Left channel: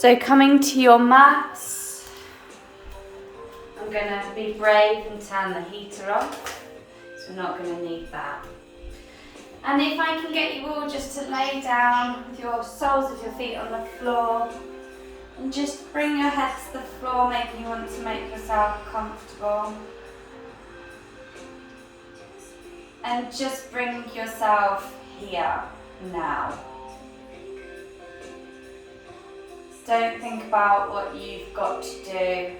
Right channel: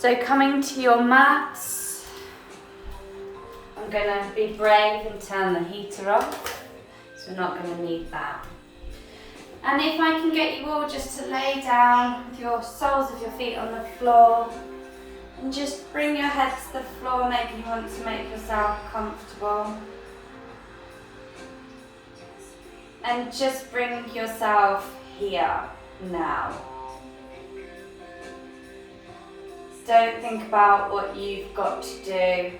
So coming to your mats, I'm going to be brave and turn the heater off, so we're not going to need that. And if I can get you all just to lay down with your soles of your feet on the floor and just bring your head to the floor, maybe you want to make yourself comfortable. And just bring yourself here now. Don't think about what you've got to do.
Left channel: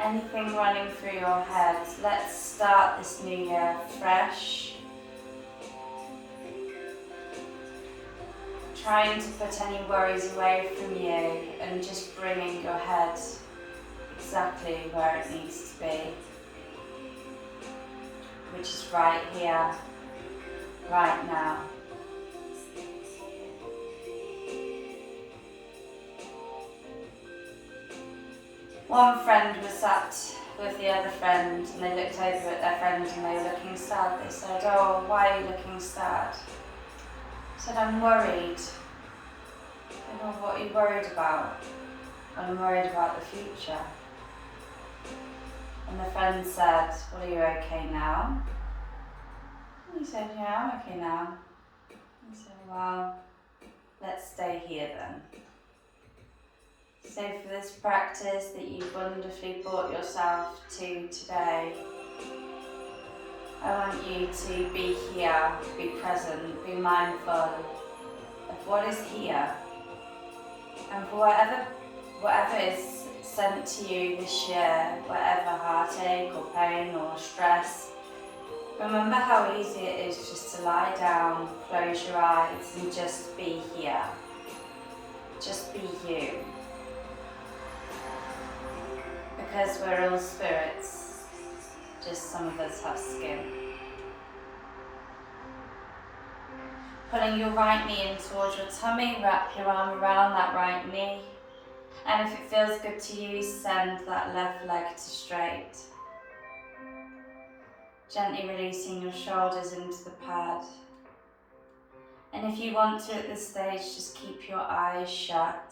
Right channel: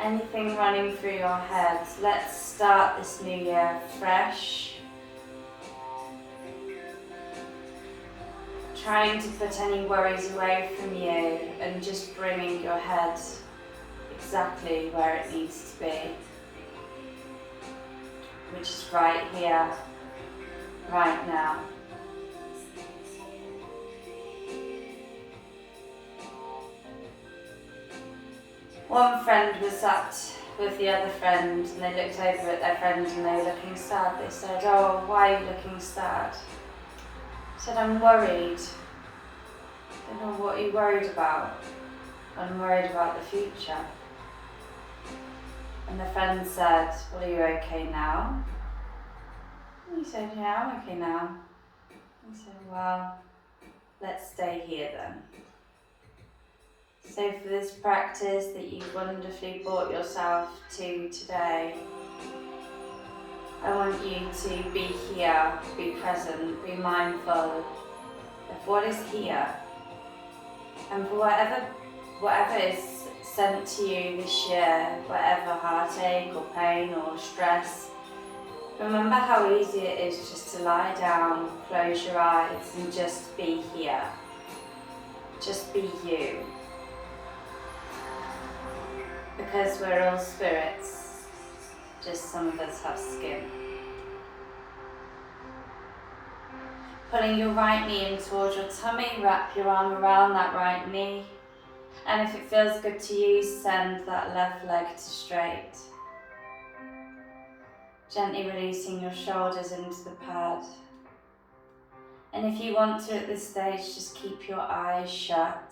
Anything running through your head. Let's start this new year fresh. Trying to put any worries away from you and just bringing your head exactly where it needs to be. Which is right here, right now. One friend was sat with the other friend and they looked over at their friend and they were looking sad. They said, "Oh, why are you looking sad?" I said, "I'm worried." I said, "Oh, what are you worried about?" "I'm worried about the future." And the friend said, "Well, are you okay now?" And he said, "Yeah, I'm okay now." He said, "Well, let's stay here then." So for this practice that you've wonderfully brought yourself to today, I want you to be here, be present, be mindful of what is here. And for whatever is sent to you this year, whatever heartache or pain or stress, remember how easy it is just to lie down, close your eyes and just be here. Just be you. Because we're all spirits, just some of us have skin. Pulling your right knee in towards your tummy, wrap your arm around that right knee. And if it feels good to you, send that left leg to straight. Gently releasing your shoulders into the pad. And if you want to at this stage, just keep your eyes shut.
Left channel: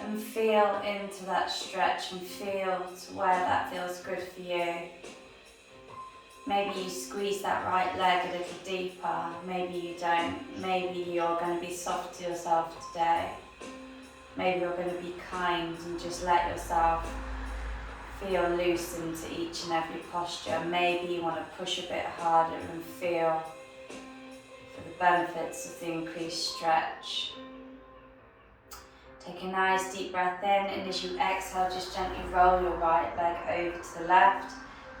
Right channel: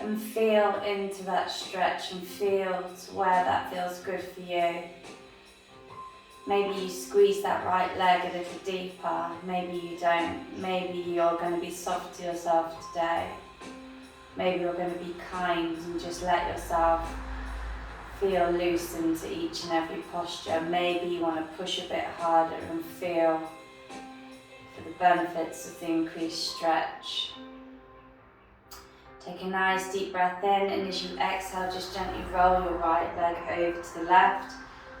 And feel into that stretch and feel to where that feels good for you. Maybe you squeeze that right leg a little deeper, maybe you don't. Maybe you're going to be soft to yourself today. Maybe you're going to be kind and just let yourself feel loose into each and every posture. Maybe you want to push a bit harder and feel for the benefits of the increased stretch. Take a nice deep breath in, and as you exhale, just gently roll your right leg over to the left,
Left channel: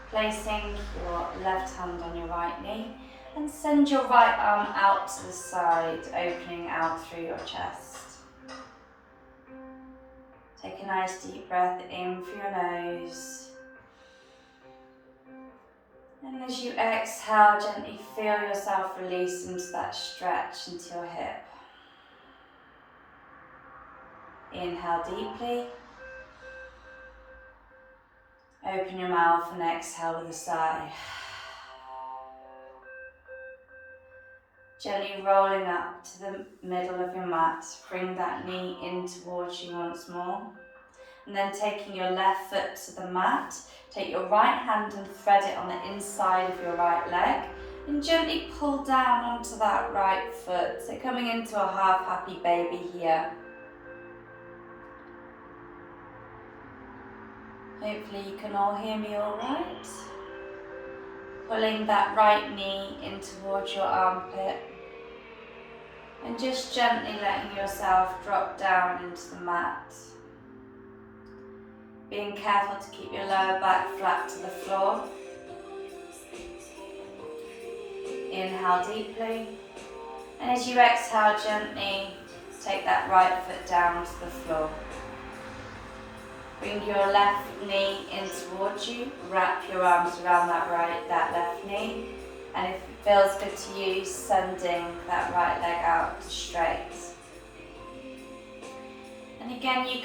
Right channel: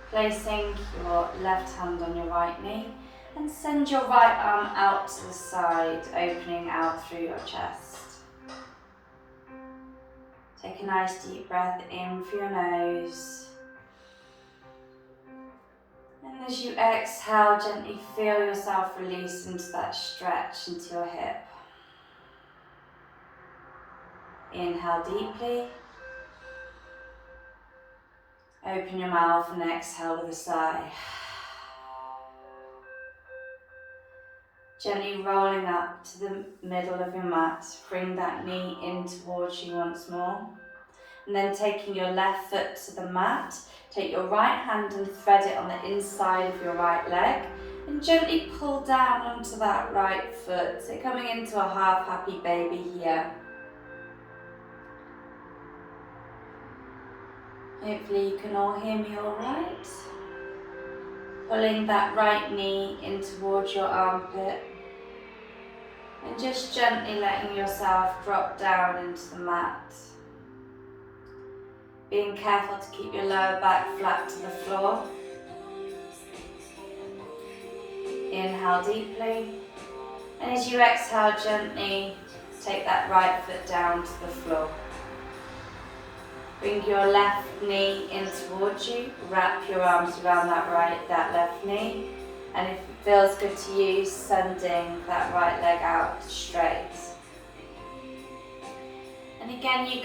placing your left hand on your right knee, and send your right arm out to the side, opening out through your chest. Take a nice deep breath in through your nose. And as you exhale, gently feel yourself release into that stretch into your hip. Inhale deeply. Open your mouth and exhale with a sigh. Gently rolling up to the middle of your mat. Bring that knee in towards you once more. And then taking your left foot to the mat, take your right hand and thread it on the inside of your right leg. And gently pull down onto that right foot. So coming into a half happy baby here. Hopefully you can all hear me all right. Pulling that right knee in towards your armpit. And just gently letting yourself drop down into the mat. Being careful to keep your lower back flat to the floor. Inhale deeply. And as you exhale, gently take that right foot down to the floor. Bring your left knee in towards you. Wrap your arms around that left knee. And if it feels good to you, sending that right leg out straight. And again, you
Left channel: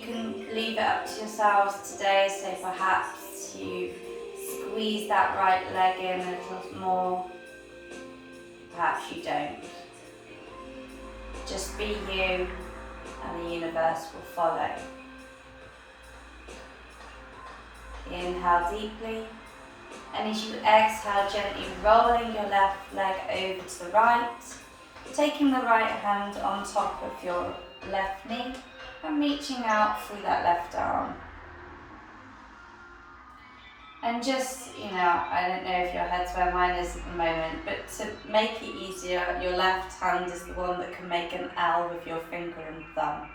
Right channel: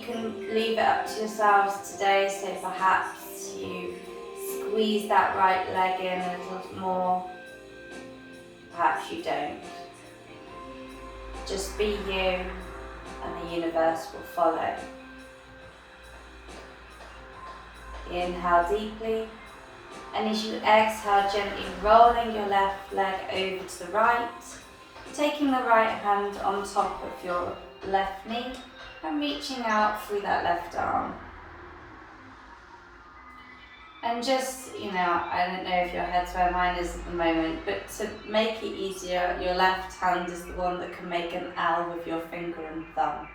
can leave it up to yourselves today. So perhaps you squeeze that right leg in a little more. Perhaps you don't. Just be you, and the universe will follow. Inhale deeply, and as you exhale, gently rolling your left leg over to the right, taking the right hand on top of your left knee and reaching out through that left arm. And just, I don't know if your head's where mine is at the moment, but to make it easier, your left hand is the one that can make an L with your finger and thumb.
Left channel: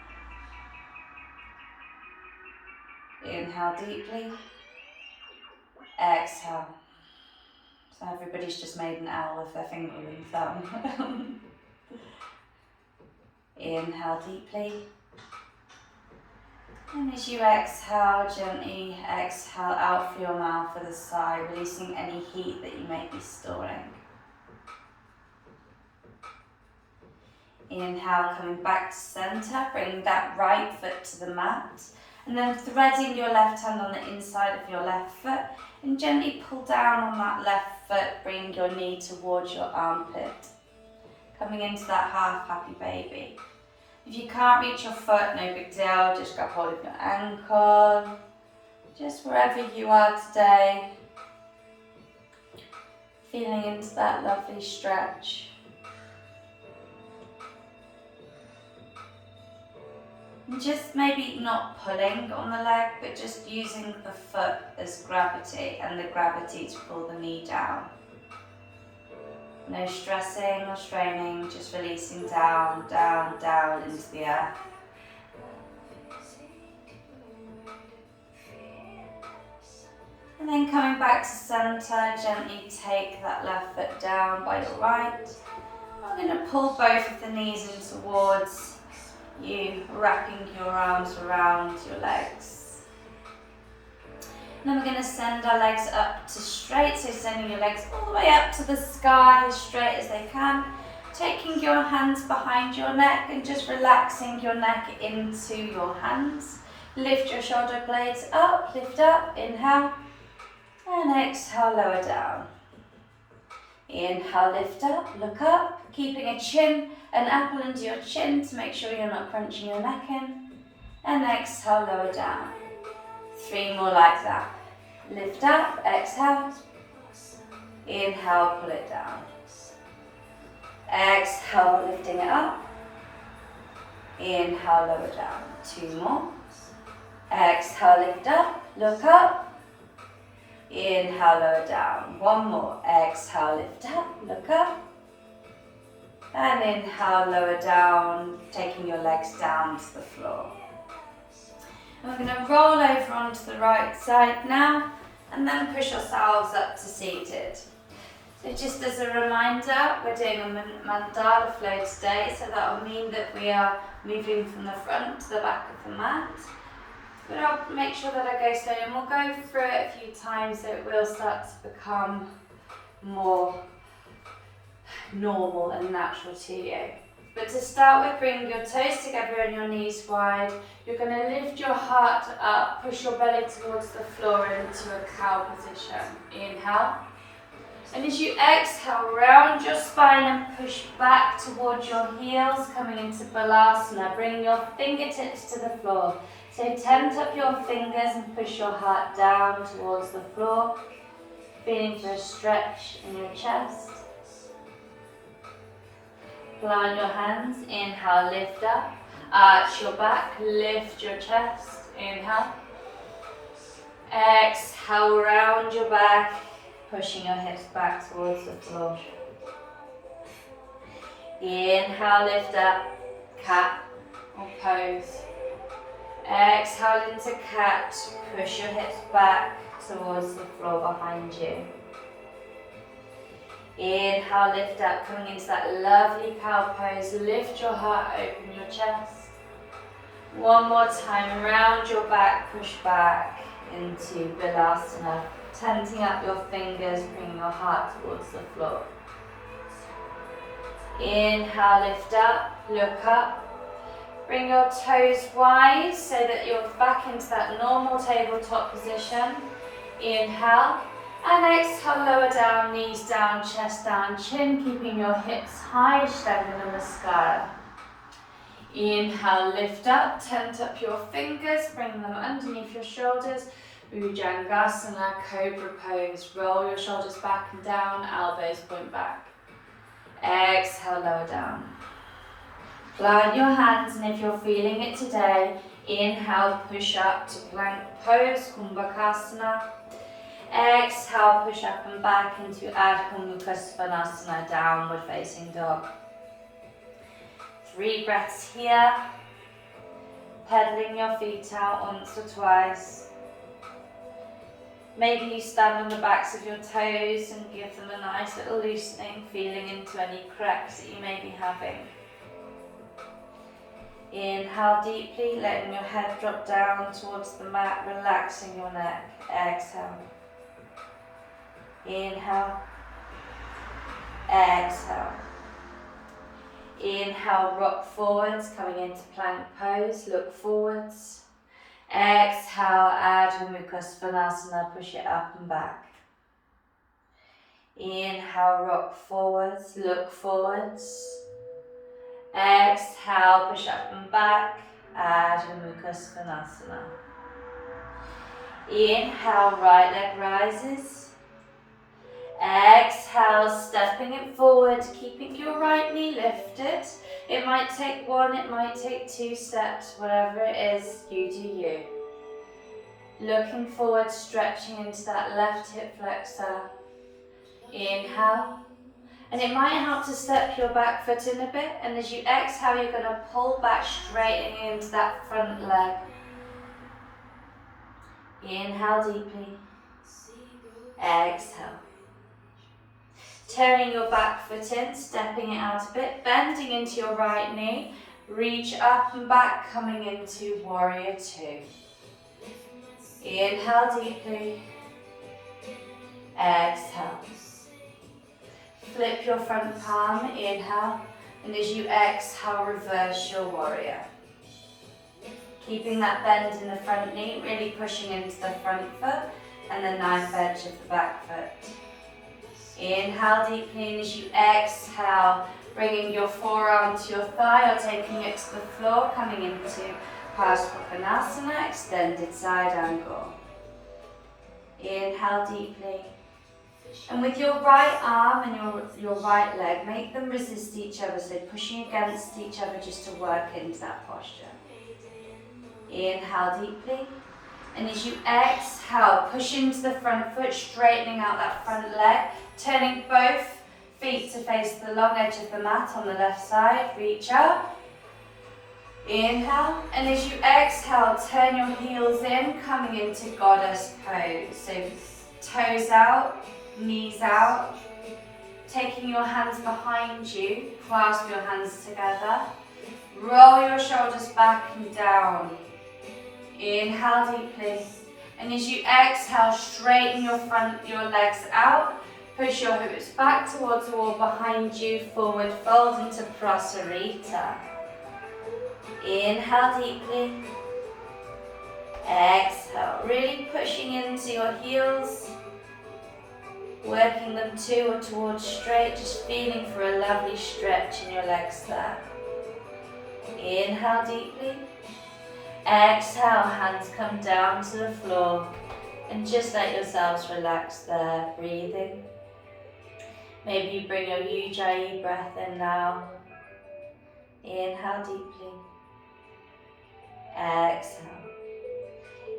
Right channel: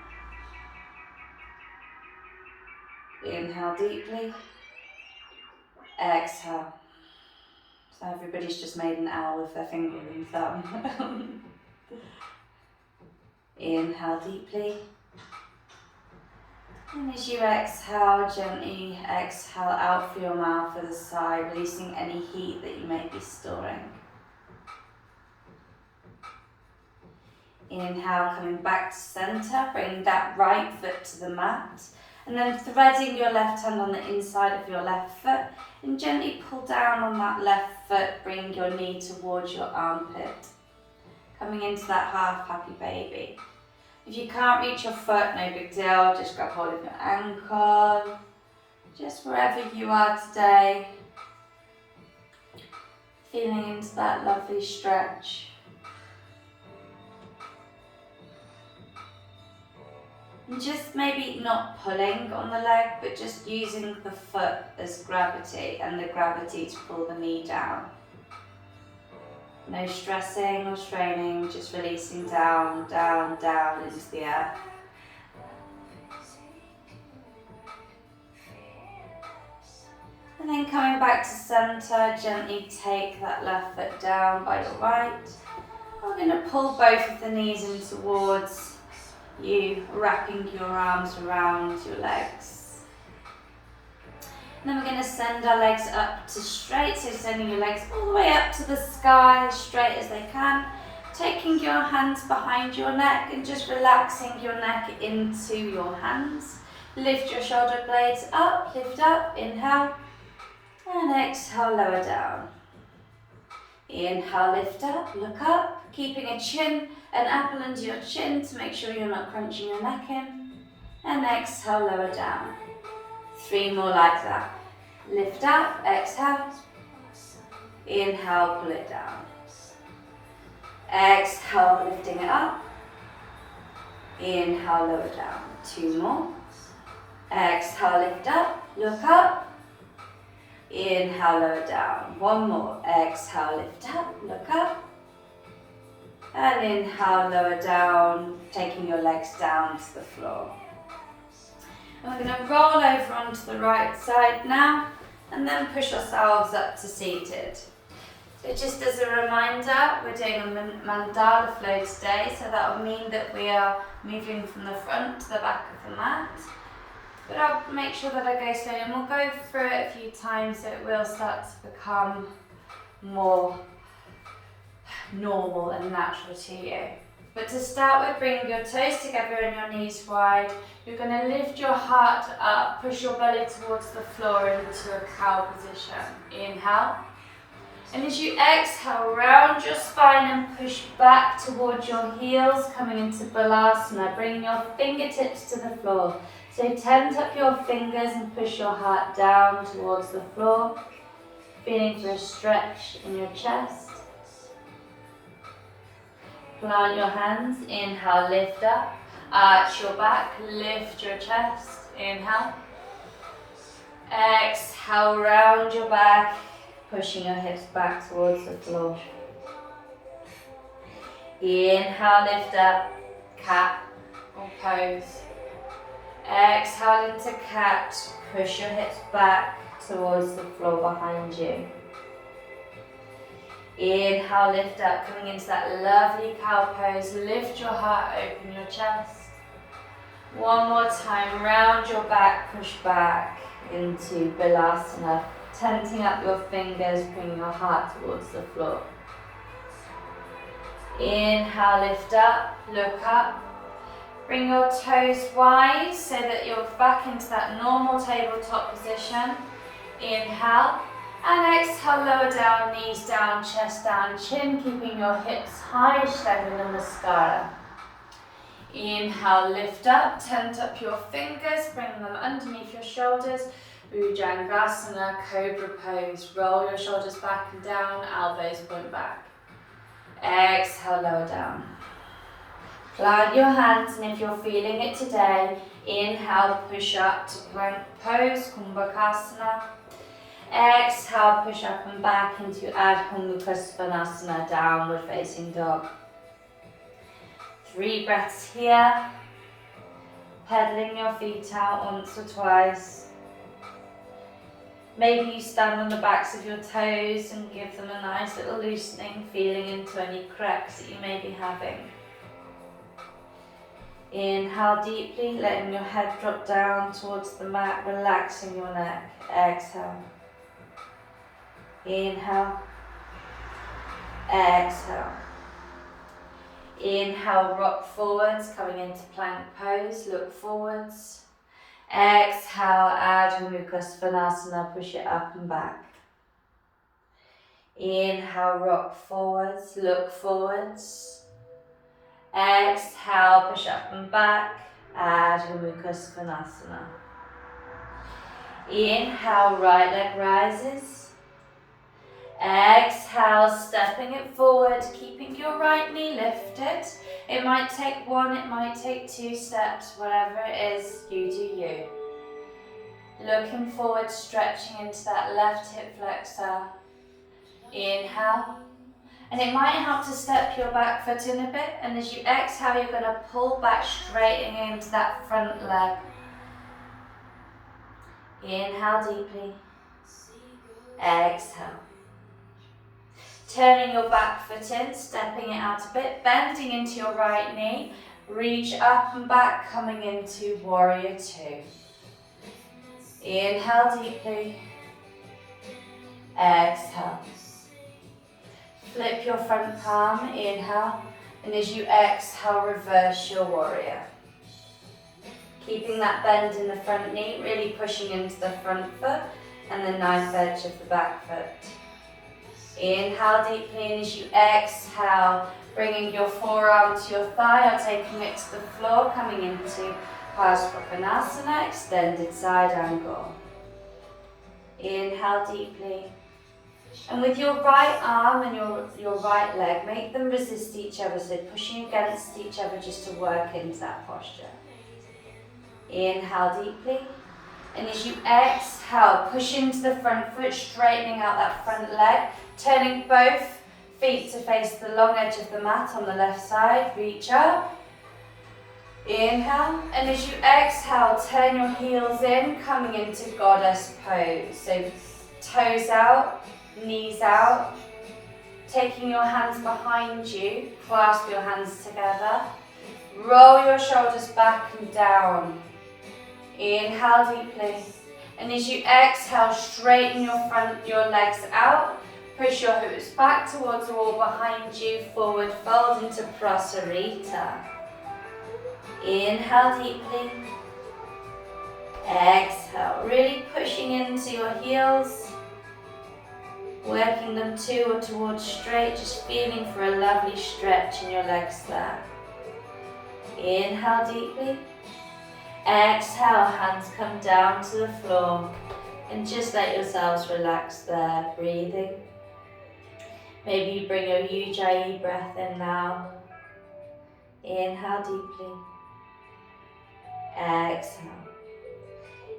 Inhale deeply, exhale. So everybody's just made an L with their finger and thumb. Inhale deeply. And as you exhale, gently exhale out through your mouth for the sigh, releasing any heat that you may be storing. Inhale, coming back to center, bring that right foot to the mat, and then threading your left hand on the inside of your left foot, and gently pull down on that left foot, bring your knee towards your armpit. Coming into that half happy baby. If you can't reach your foot, no big deal, just grab hold of your ankle, just wherever you are today, feeling into that lovely stretch. And just maybe not pulling on the leg, but just using the foot as gravity and the gravity to pull the knee down. No stressing or straining, just releasing down, down, down into the earth. And then coming back to center, gently take that left foot down by your right. We're going to pull both of the knees in towards you, wrapping your arms around your legs. And then we're going to send our legs up to straight, so sending your legs all the way up to the sky, straight as they can. Taking your hands behind your neck and just relaxing your neck into your hands. Lift your shoulder blades up, lift up, inhale, and exhale, lower down. Inhale, lift up, look up, keeping an apple under your chin to make sure you're not crunching your neck in. And exhale, lower down. 3 more like that. Lift up, exhale. Inhale, pull it down. Exhale, lifting it up. Inhale, lower down. 2 more. Exhale, lift up, look up. Inhale, lower down. 1 more. Exhale, lift up, look up. And inhale, lower down, taking your legs down to the floor. We're going to roll over onto the right side now, and then push yourselves up to seated. So just as a reminder, we're doing a mandala flow today, so that will mean that we are moving from the front to the back of the mat. But I'll make sure that I go slowly, and we'll go through it a few times so it will start to become more normal and natural to you. But to start with, bring your toes together and your knees wide. You're going to lift your heart up, push your belly towards the floor into a cow position. Inhale. And as you exhale, round your spine and push back towards your heels, coming into Balasana. Bring your fingertips to the floor. So tent up your fingers and push your heart down towards the floor. Feeling for a stretch in your chest. Plant your hands, inhale, lift up, arch your back, lift your chest, inhale. Exhale, round your back, pushing your hips back towards the floor. Inhale, lift up, cat or pose. Exhale into cat, push your hips back towards the floor behind you. Inhale, lift up, coming into that lovely cow pose. Lift your heart, open your chest. 1 more time, round your back, push back into Balasana. Tenting up your fingers, bring your heart towards the floor. Inhale, lift up, look up. Bring your toes wide so that you're back into that normal tabletop position. Inhale. And exhale, lower down, knees down, chest down, chin, keeping your hips high, Shavanamascara. Inhale, lift up, tent up your fingers, bring them underneath your shoulders. Bhujangasana, cobra pose. Roll your shoulders back and down, elbows point back. Exhale, lower down. Plant your hands, and if you're feeling it today, inhale, push up to plank pose, Kumbhakasana. Exhale, push up and back into Ardha Mukha Svanasana, downward facing dog. 3 breaths here. Pedaling your feet out once or twice. Maybe you stand on the backs of your toes and give them a nice little loosening, feeling into any cracks that you may be having. Inhale deeply, letting your head drop down towards the mat, relaxing your neck. Exhale. Inhale. Exhale. Inhale, rock forwards, coming into plank pose, look forwards. Exhale, Ardha Mukha Svanasana, push it up and back. Inhale, rock forwards, look forwards. Exhale, push up and back, Ardha Mukha Svanasana. Inhale, right leg rises. Exhale, stepping it forward, keeping your right knee lifted. It might take 1, it might take 2 steps, whatever it is, you do you. Looking forward, stretching into that left hip flexor. Inhale. And it might help to step your back foot in a bit, and as you exhale, you're going to pull back, straightening into that front leg. Inhale deeply. Exhale. Turning your back foot in, stepping it out a bit, bending into your right knee, reach up and back, coming into warrior 2. Inhale deeply. Exhale. Flip your front palm, inhale, and as you exhale, reverse your warrior. Keeping that bend in the front knee, really pushing into the front foot and the knife edge of the back foot. Inhale deeply, and as you exhale, bringing your forearm to your thigh or taking it to the floor, coming into Parsvakonasana, extended side angle. Inhale deeply. And with your right arm and your right leg, make them resist each other, so pushing against each other just to work into that posture. Inhale deeply. And as you exhale, push into the front foot, straightening out that front leg, turning both feet to face the long edge of the mat on the left side. Reach up. Inhale. And as you exhale, turn your heels in, coming into goddess pose. So toes out, knees out. Taking your hands behind you, clasp your hands together. Roll your shoulders back and down. Inhale deeply, and as you exhale, straighten your legs out. Push your hips back towards the wall behind you, forward fold into Prasarita. Inhale deeply. Exhale, really pushing into your heels, working them to or towards straight, just feeling for a lovely stretch in your legs there. Inhale deeply. Exhale, hands come down to the floor and just let yourselves relax there, breathing. Maybe you bring your Ujjayi breath in now. Inhale deeply. Exhale.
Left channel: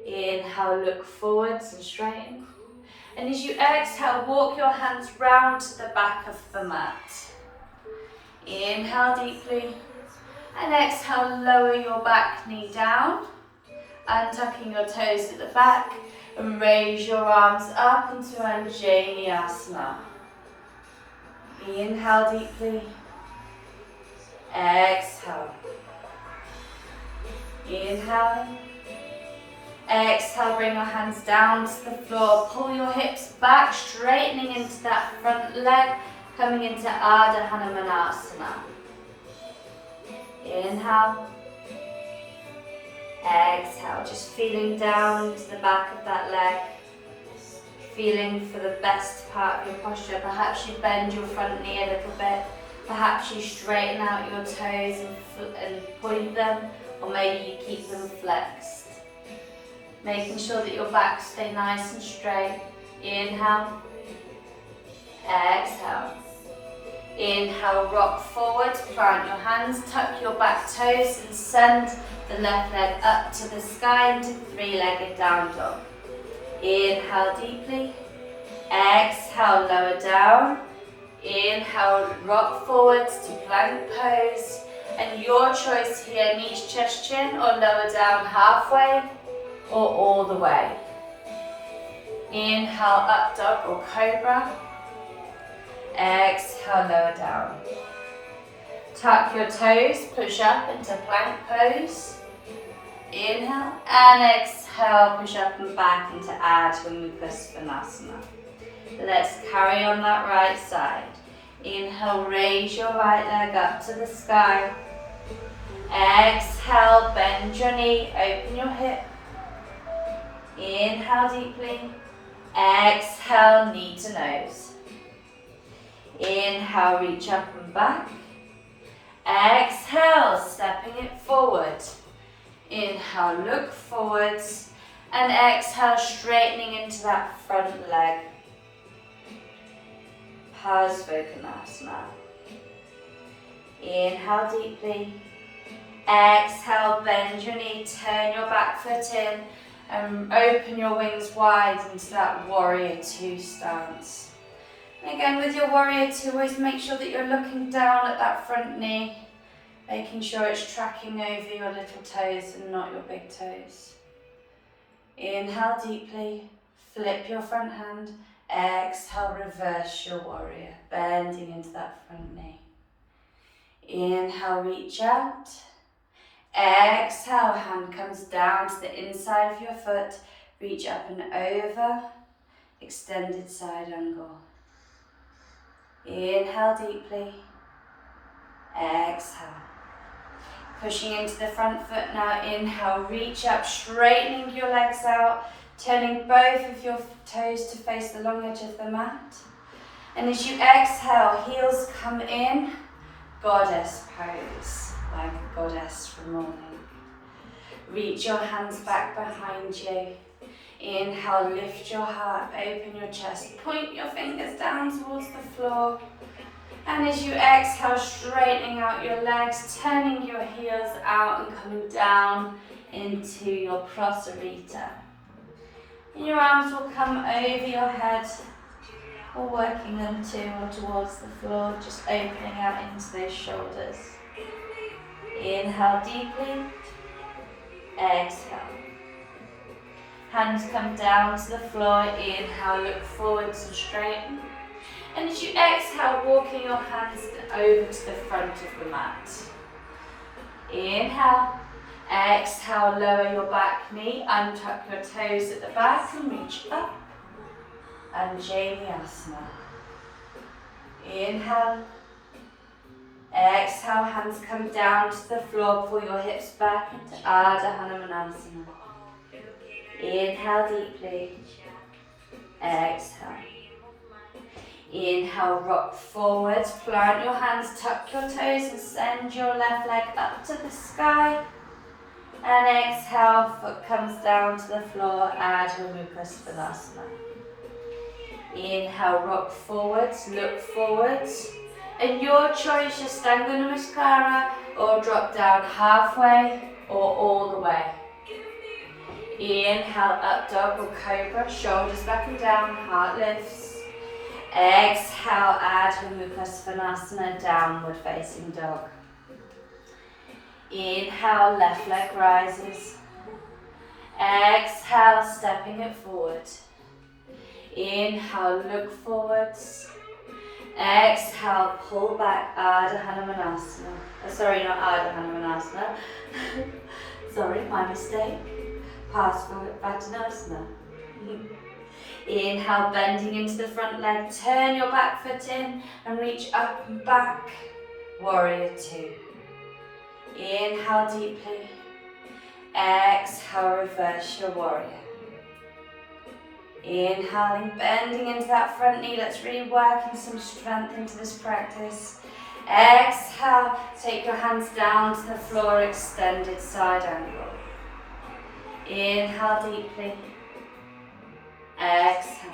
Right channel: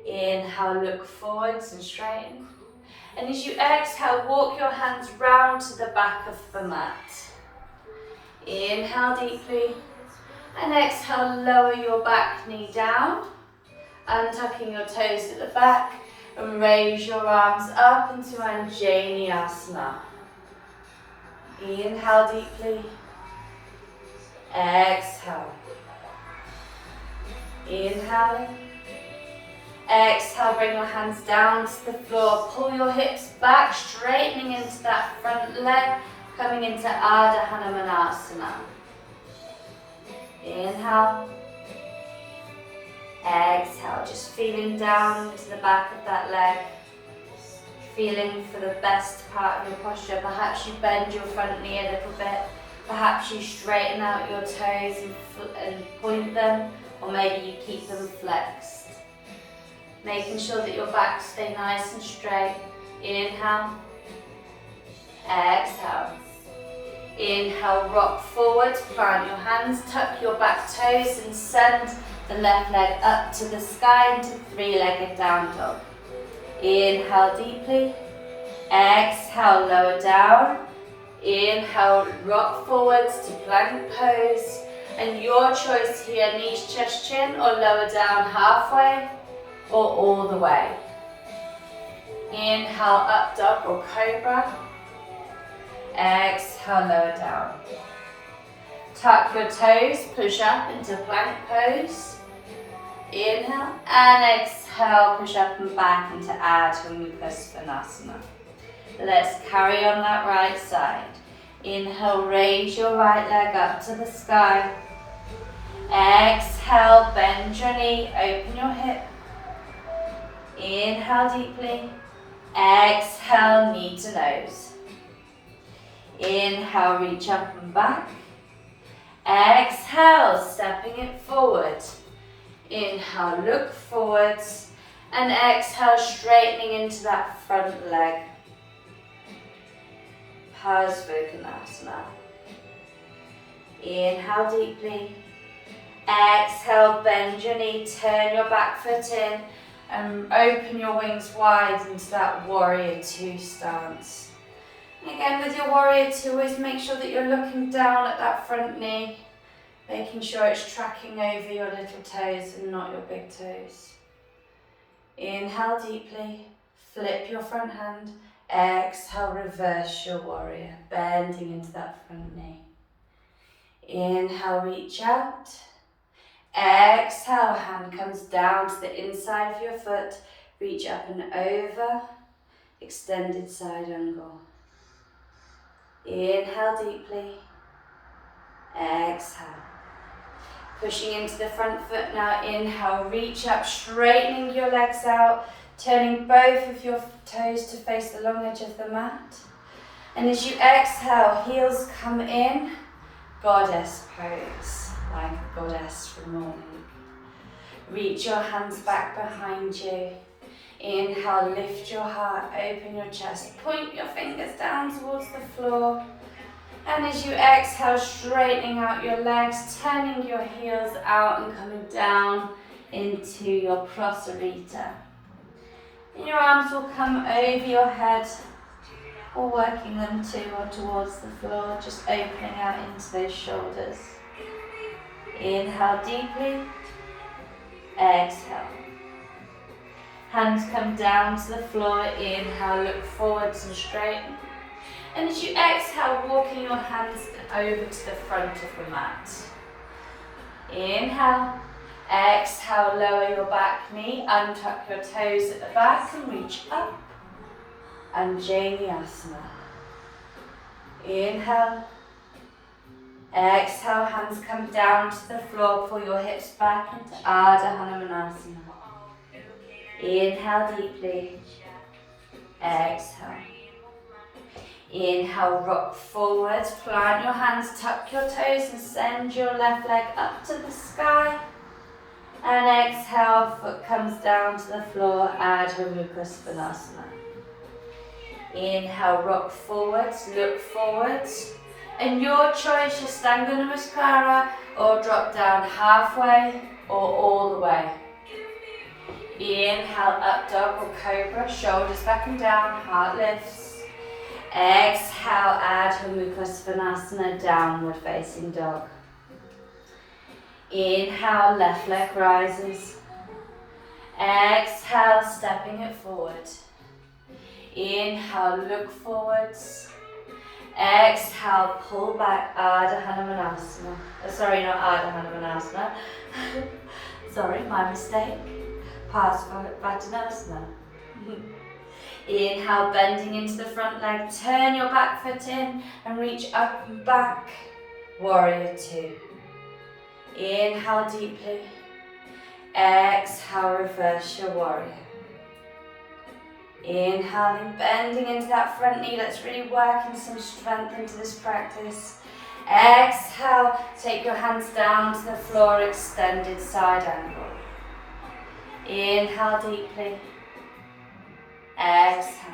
Inhale, look forwards and straighten. And as you exhale, walk your hands round to the back of the mat. Inhale deeply. And exhale, lower your back knee down, untucking your toes at the back, and raise your arms up into Anjaneyasana. Inhale deeply. Exhale. Inhaling. Exhale, bring your hands down to the floor. Pull your hips back, straightening into that front leg, coming into Ardha Hanumanasana. Inhale. Exhale, just feeling down into the back of that leg. Feeling for the best part of your posture. Perhaps you bend your front knee a little bit. Perhaps you straighten out your toes and point them, or maybe you keep them flexed. Making sure that your back stay nice and straight. Inhale, exhale. Inhale, rock forward, plant your hands, tuck your back toes and send the left leg up to the sky into three-legged down dog. Inhale deeply, exhale, lower down. Inhale, rock forwards to plank pose. And your choice here, knees, chest, chin, or lower down halfway, or all the way. Inhale, up dog or cobra. Exhale, lower down. Tuck your toes, push up into plank pose. Inhale and exhale, push up and back into Ardha Mukha Svanasana. Let's carry on that right side. Inhale, raise your right leg up to the sky. Exhale, bend your knee, open your hip. Inhale deeply. Exhale, knee to nose. Inhale, reach up and back. Exhale, stepping it forward. Inhale, look forwards. And exhale, straightening into that front leg. Parsvottanasana. Inhale deeply. Exhale, bend your knee, turn your back foot in, and open your wings wide into that warrior two stance. And again, with your warrior two, always make sure that you're looking down at that front knee, making sure it's tracking over your little toes and not your big toes. Inhale deeply, flip your front hand. Exhale, reverse your warrior, bending into that front knee. Inhale, reach out. Exhale, hand comes down to the inside of your foot. Reach up and over, extended side angle. Inhale deeply. Exhale. Pushing into the front foot now. Inhale, reach up, straightening your legs out. Turning both of your toes to face the long edge of the mat. And as you exhale, heels come in, goddess pose, like a goddess from morning. Reach your hands back behind you. Inhale, lift your heart, open your chest, point your fingers down towards the floor. And as you exhale, straightening out your legs, turning your heels out and coming down into your prasarita. And your arms will come over your head, or working them to or towards the floor, just opening out into those shoulders. Inhale deeply, exhale. Hands come down to the floor, inhale, look forwards and straighten. And as you exhale, walking your hands over to the front of the mat. Inhale. Exhale, lower your back knee, untuck your toes at the back and reach up. Anjaneyasana. Inhale. Exhale, hands come down to the floor, pull your hips back into Ardha Hanumanasana. Inhale deeply. Exhale. Inhale, rock forwards, plant your hands, tuck your toes and send your left leg up to the sky. And exhale, foot comes down to the floor, Ardha Mukha Svanasana. Inhale, rock forwards, look forwards. And your choice, Ashtanga Namaskara, or drop down halfway, or all the way. Inhale, up dog or cobra, shoulders back and down, heart lifts. Exhale, Ardha Mukha Svanasana, downward facing dog. Inhale, left leg rises. Exhale, stepping it forward. Inhale, look forwards. Exhale, pull back, Ardha Hanumanasana. Sorry, not Ardha Hanumanasana. Sorry, my mistake. Parsvottanasana. Inhale, bending into the front leg. Turn your back foot in and reach up and back. Warrior two. Inhale deeply. Exhale, reverse your warrior. Inhaling, bending into that front knee. Let's really work in some strength into this practice. Exhale, take your hands down to the floor, extended side angle. Inhale deeply. Exhale.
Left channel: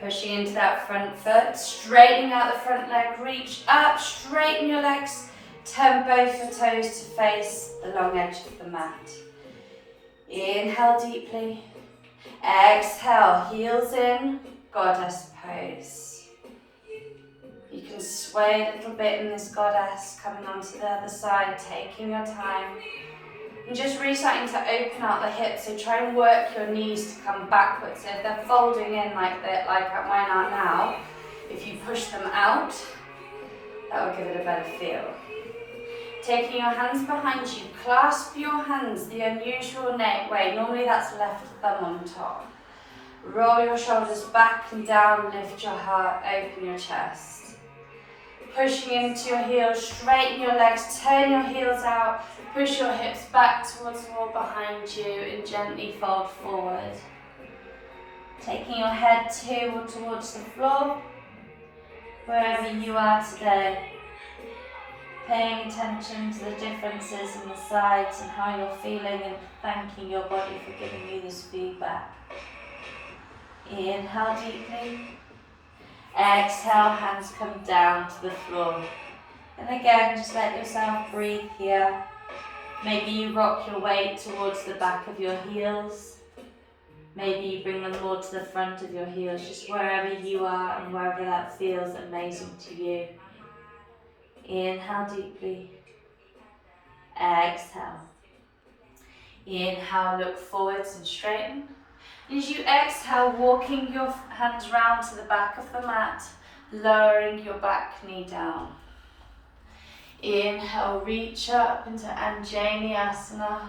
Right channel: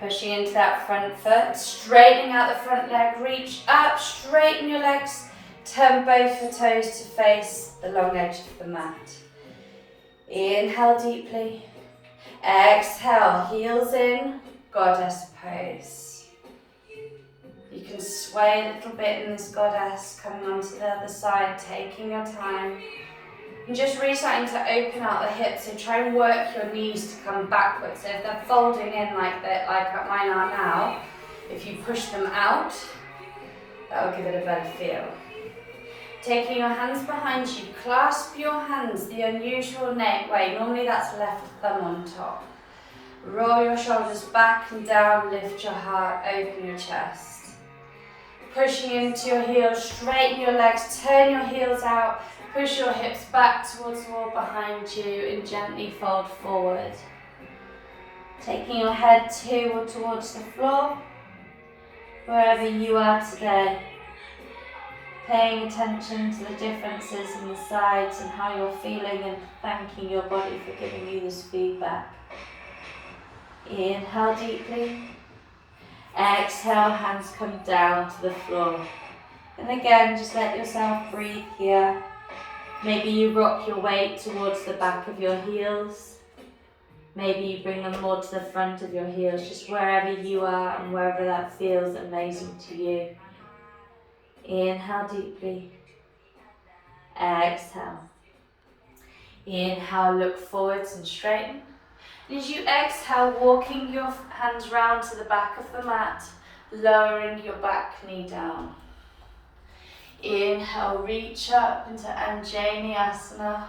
Pushing into that front foot, straightening out the front leg, reach up, straighten your legs, turn both the toes to face the long edge of the mat. Inhale deeply. Exhale, heels in, goddess pose. You can sway a little bit in this goddess, coming onto the other side, taking your time. And just really starting to open out the hips, so try and work your knees to come backwards. So if they're folding in like mine are now, if you push them out, that will give it a better feel. Taking your hands behind you, clasp your hands the unusual way. Normally that's left thumb on top. Roll your shoulders back and down, lift your heart, open your chest. Pushing into your heels, straighten your legs, turn your heels out, push your hips back towards the wall behind you and gently fold forward. Taking your head towards the floor, wherever you are today. Paying attention to the differences in the sides and how you're feeling and thanking your body for giving you this feedback. Inhale deeply. Exhale, hands come down to the floor. And again, just let yourself breathe here. Maybe you rock your weight towards the back of your heels. Maybe you bring them more to the front of your heels, just wherever you are and wherever that feels amazing to you. Inhale deeply. Exhale. Inhale, look forwards and straighten. As you exhale, walking your hands round to the back of the mat, lowering your back knee down. Inhale, reach up into Anjali Asana.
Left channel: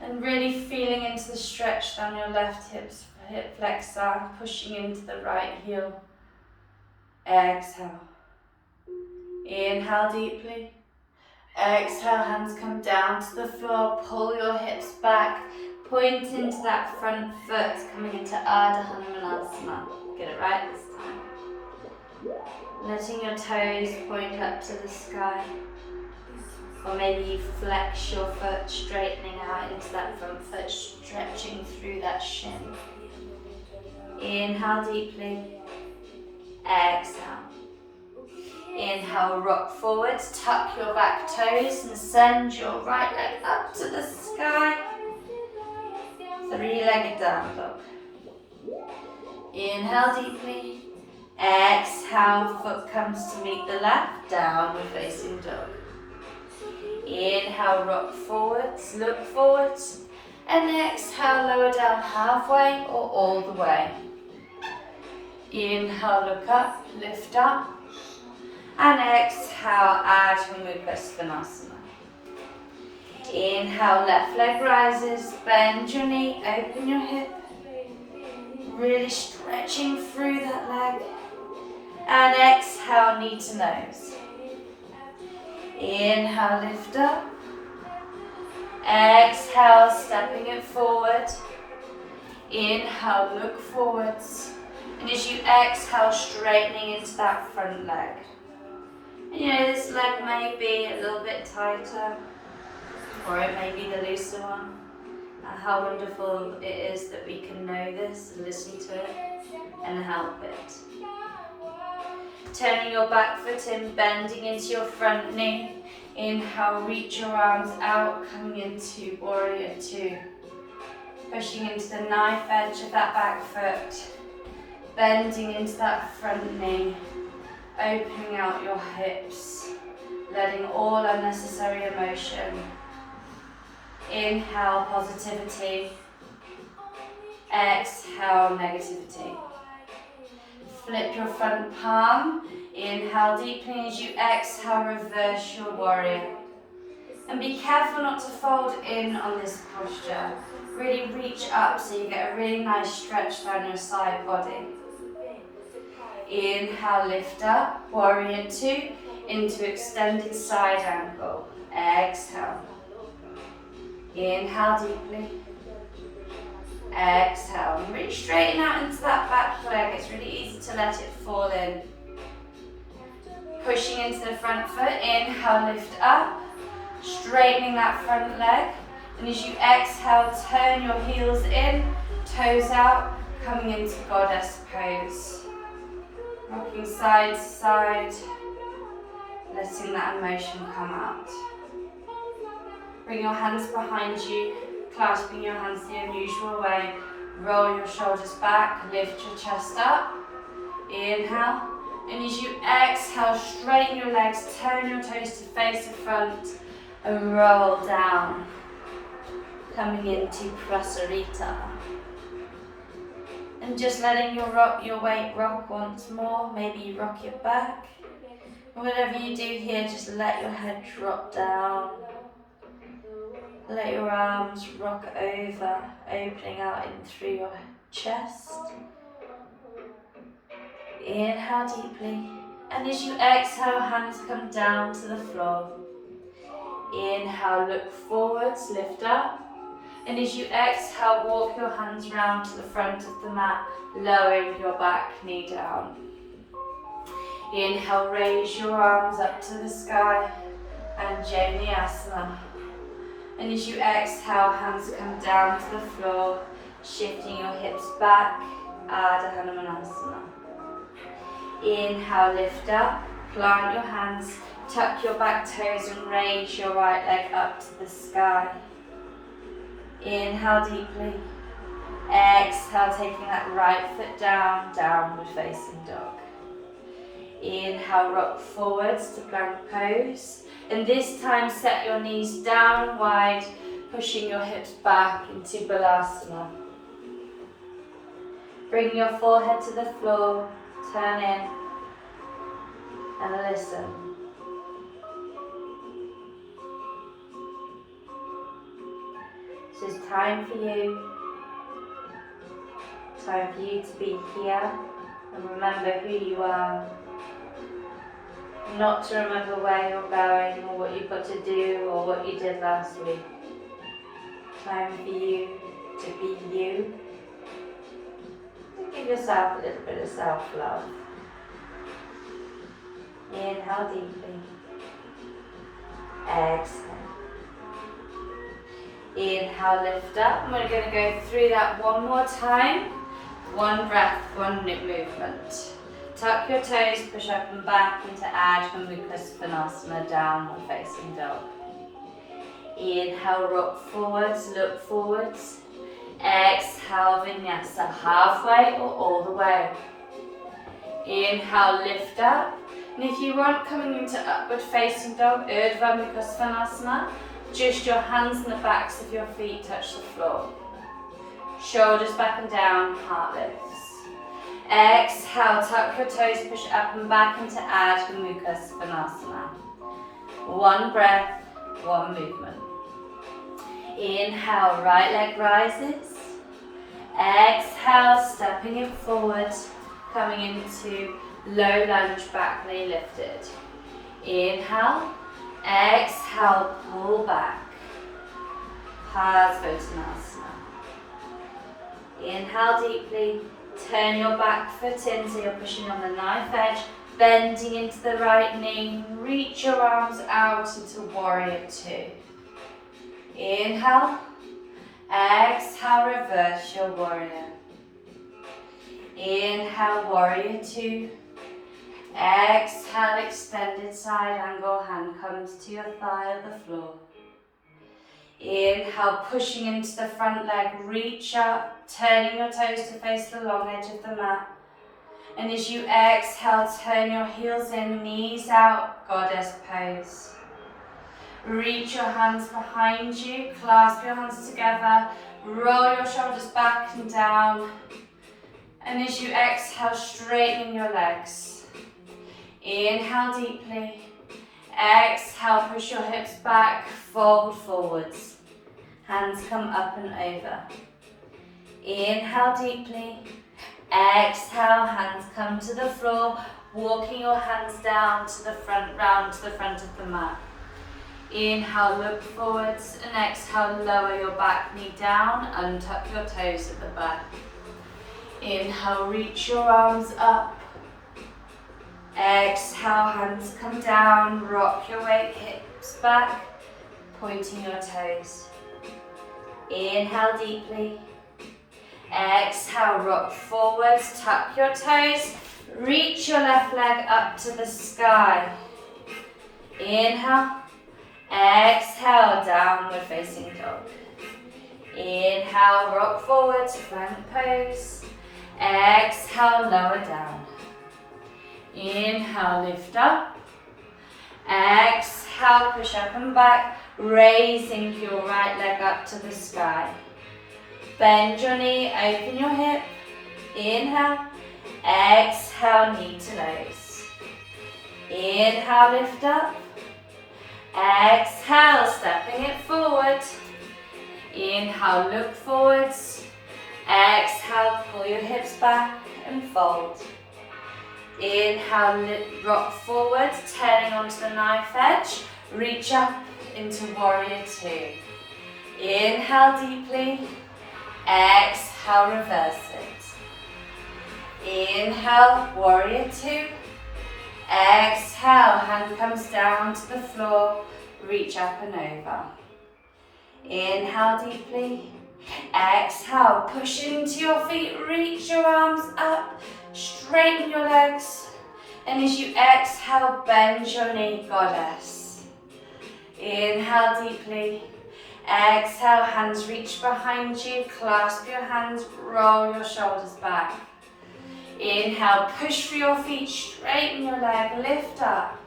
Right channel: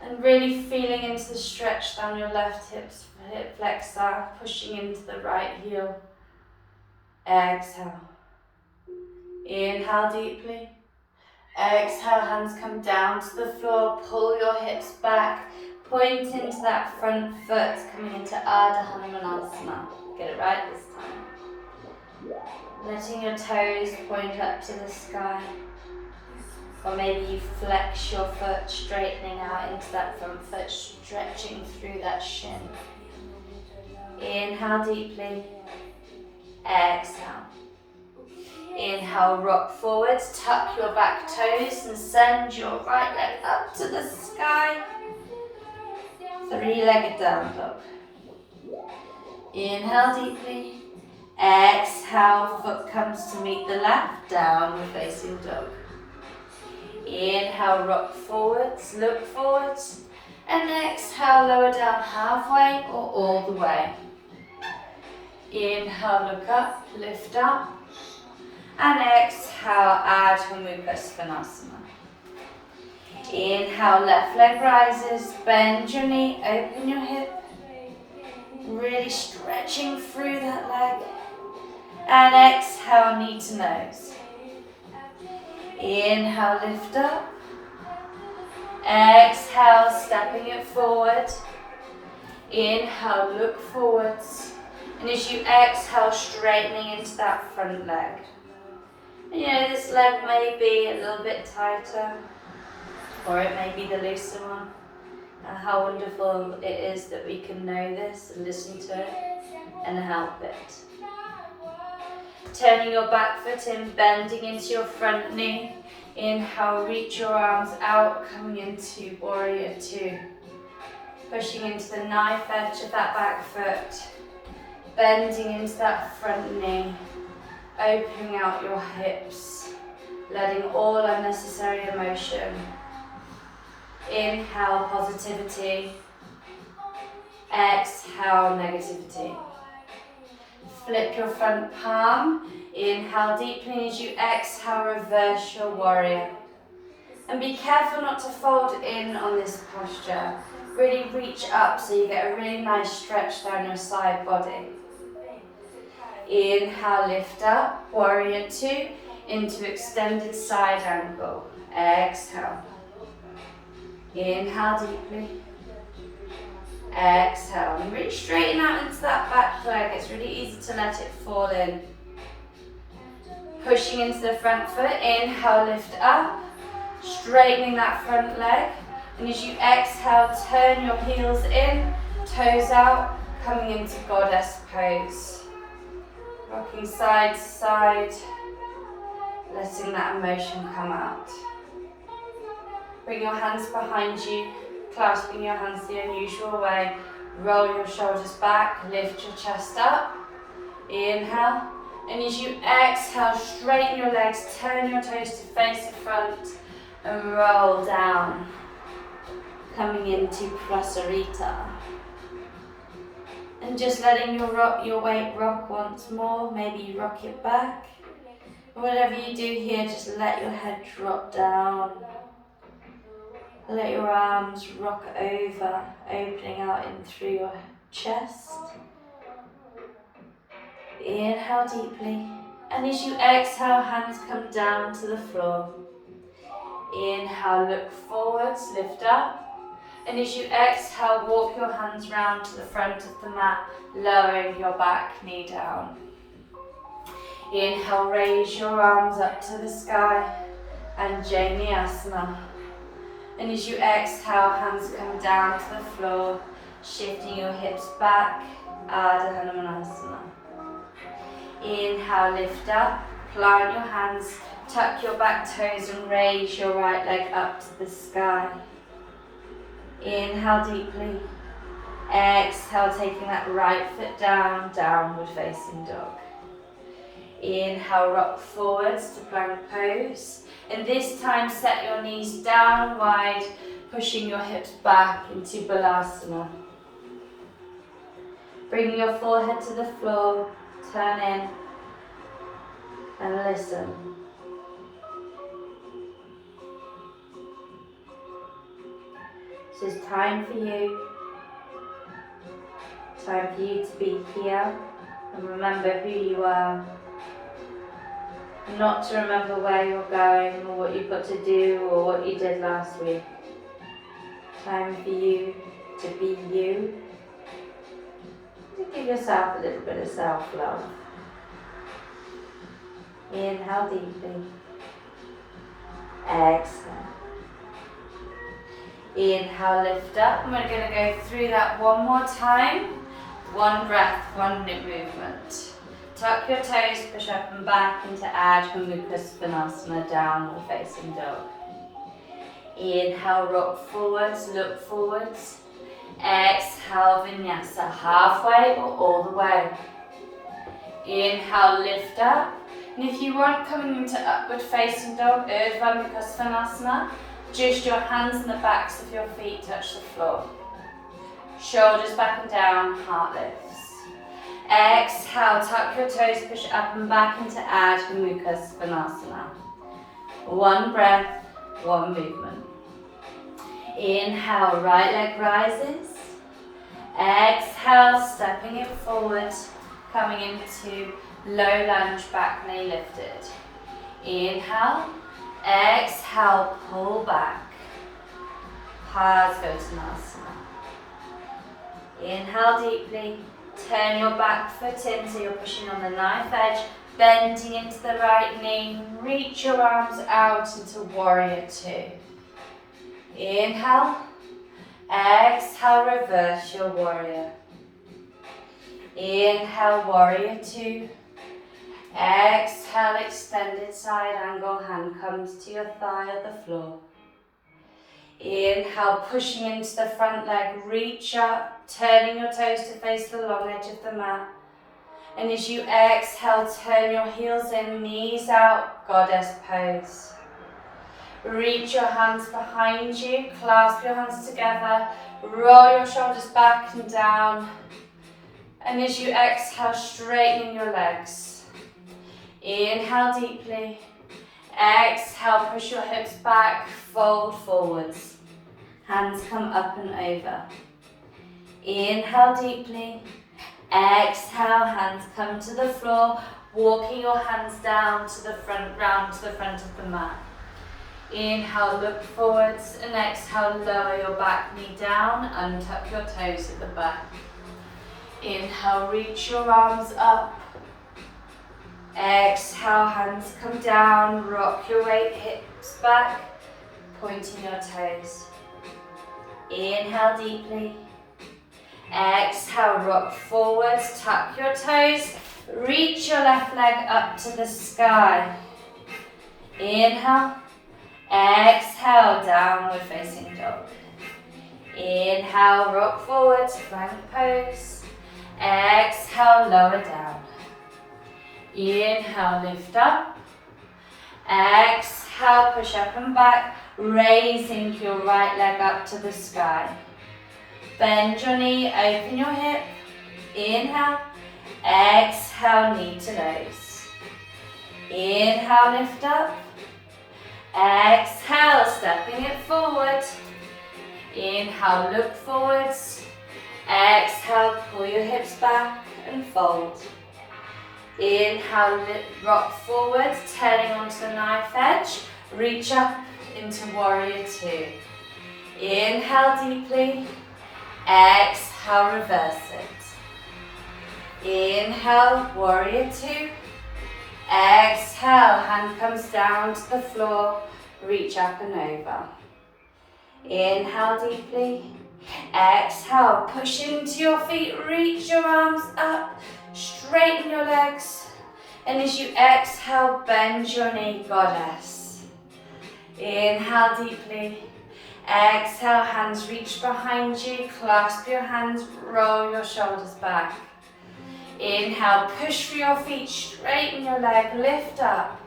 And really feeling into the stretch down your left hip flexor, pushing into the right heel. Exhale. Inhale deeply. Exhale, hands come down to the floor, pull your hips back, point into that front foot, coming into Ardha Hanumanasana. Get it right this time. Letting your toes point up to the sky. Or maybe you flex your foot, straightening out into that front foot, stretching through that shin. Inhale deeply. Exhale. Inhale, rock forwards, tuck your back toes and send your right leg up to the sky. Three-legged down dog. Inhale deeply. Exhale, foot comes to meet the left, downward facing dog. Inhale, rock forwards, look forwards. And exhale, lower down halfway or all the way. Inhale, look up, lift up. And exhale, Adho Mukha Svanasana. Inhale, left leg rises, bend your knee, open your hip. Really stretching through that leg. And exhale, knee to nose. Inhale, lift up. Exhale, stepping it forward. Inhale, look forwards. And as you exhale, straightening into that front leg. And you know, this leg may be a little bit tighter, or it may be the looser one. And how wonderful it is that we can know this and listen to it and help it. Turning your back foot in, bending into your front knee. Inhale, reach your arms out, coming into warrior two. Pushing into the knife edge of that back foot. Bending into that front knee. Opening out your hips. Letting all unnecessary emotion. Inhale, positivity. Exhale, negativity. Flip your front palm. Inhale deeply. As you exhale, reverse your warrior. And be careful not to fold in on this posture. Really reach up so you get a really nice stretch down your side body. Inhale, lift up, warrior two, into extended side angle. Exhale. Inhale deeply. Exhale. And really straighten out into that back leg. It's really easy to let it fall in. Pushing into the front foot, inhale, lift up, straightening that front leg. And as you exhale, turn your heels in, toes out, coming into goddess pose. Rocking side to side, letting that emotion come out. Bring your hands behind you, clasping your hands the unusual way. Roll your shoulders back, lift your chest up. Inhale. And as you exhale, straighten your legs, turn your toes to face the front and roll down. Coming into Prasarita. And just letting your weight rock once more. Maybe you rock it back. Whatever you do here, just let your head drop down. Let your arms rock over, opening out in through your chest. Inhale deeply. And as you exhale, hands come down to the floor. Inhale, look forwards, lift up. And as you exhale, walk your hands round to the front of the mat, lowering your back knee down. Inhale, raise your arms up to the sky, and Asana. And as you exhale, hands come down to the floor, shifting your hips back, Ardha Hanumanasana. Inhale, lift up, plant your hands, tuck your back toes and raise your right leg up to the sky. Inhale deeply. Exhale, taking that right foot down, downward facing dog. Inhale, rock forwards to plank pose. And this time set your knees down wide, pushing your hips back into Balasana. Bring your forehead to the floor, turn in and listen. This is time for you to be here and remember who you are. Not to remember where you're going or what you've got to do or what you did last week. Time for you to be you. To give yourself a little bit of self-love. Inhale deeply. Exhale. Inhale, lift up. And we're going to go through that one more time. One breath, one movement. Tuck your toes, push up and back into Adho Mukha Svanasana, downward facing dog. Inhale, rock forwards, look forwards. Exhale, vinyasa, halfway or all the way. Inhale, lift up. And if you want, coming into upward facing dog, Urdhva Mukha Svanasana, just your hands and the backs of your feet touch the floor. Shoulders back and down, heart lifts. Exhale, tuck your toes, push up and back into Adho Mukha Svanasana. One breath, one movement. Inhale, right leg rises. Exhale, stepping it forward, coming into low lunge, back knee lifted. Inhale, exhale, pull back. Parsvottanasana. Inhale deeply. Turn your back foot in so you're pushing on the knife edge, bending into the right knee. Reach your arms out into warrior two. Inhale. Exhale, reverse your warrior. Inhale, warrior two. Exhale, extended side angle, hand comes to your thigh or the floor. Inhale, pushing into the front leg, reach up, turning your toes to face the long edge of the mat. And as you exhale, turn your heels in, knees out, goddess pose. Reach your hands behind you, clasp your hands together, roll your shoulders back and down. And as you exhale, straightening your legs. Inhale deeply. Exhale, push your hips back, fold forwards. Hands come up and over. Inhale deeply. Exhale, hands come to the floor, walking your hands down to the front, round to the front of the mat. Inhale, look forwards, and exhale, lower your back knee down and tuck your toes at the back. Inhale, reach your arms up. Exhale, hands come down, rock your weight, hips back, pointing your toes. Inhale deeply. Exhale, rock forwards, tuck your toes, reach your left leg up to the sky. Inhale. Exhale, downward facing dog. Inhale, rock forward to plank pose. Exhale, lower down. Inhale, lift up. Exhale, push up and back, raising your right leg up to the sky. Bend your knee, open your hip. Inhale. Exhale, knee to nose. Inhale, lift up. Exhale, stepping it forward. Inhale, look forwards. Exhale, pull your hips back and fold. Inhale, rock forwards, turning onto the knife edge. Reach up into warrior two. Inhale deeply. Exhale, reverse it. Inhale, warrior two. Exhale, hand comes down to the floor, reach up and over. Inhale deeply. Exhale, push into your feet, reach your arms up, straighten your legs. And as you exhale, bend your knee, goddess. Inhale deeply. Exhale, hands reach behind you, clasp your hands, roll your shoulders back. Inhale, push for your feet, straighten your leg, lift up.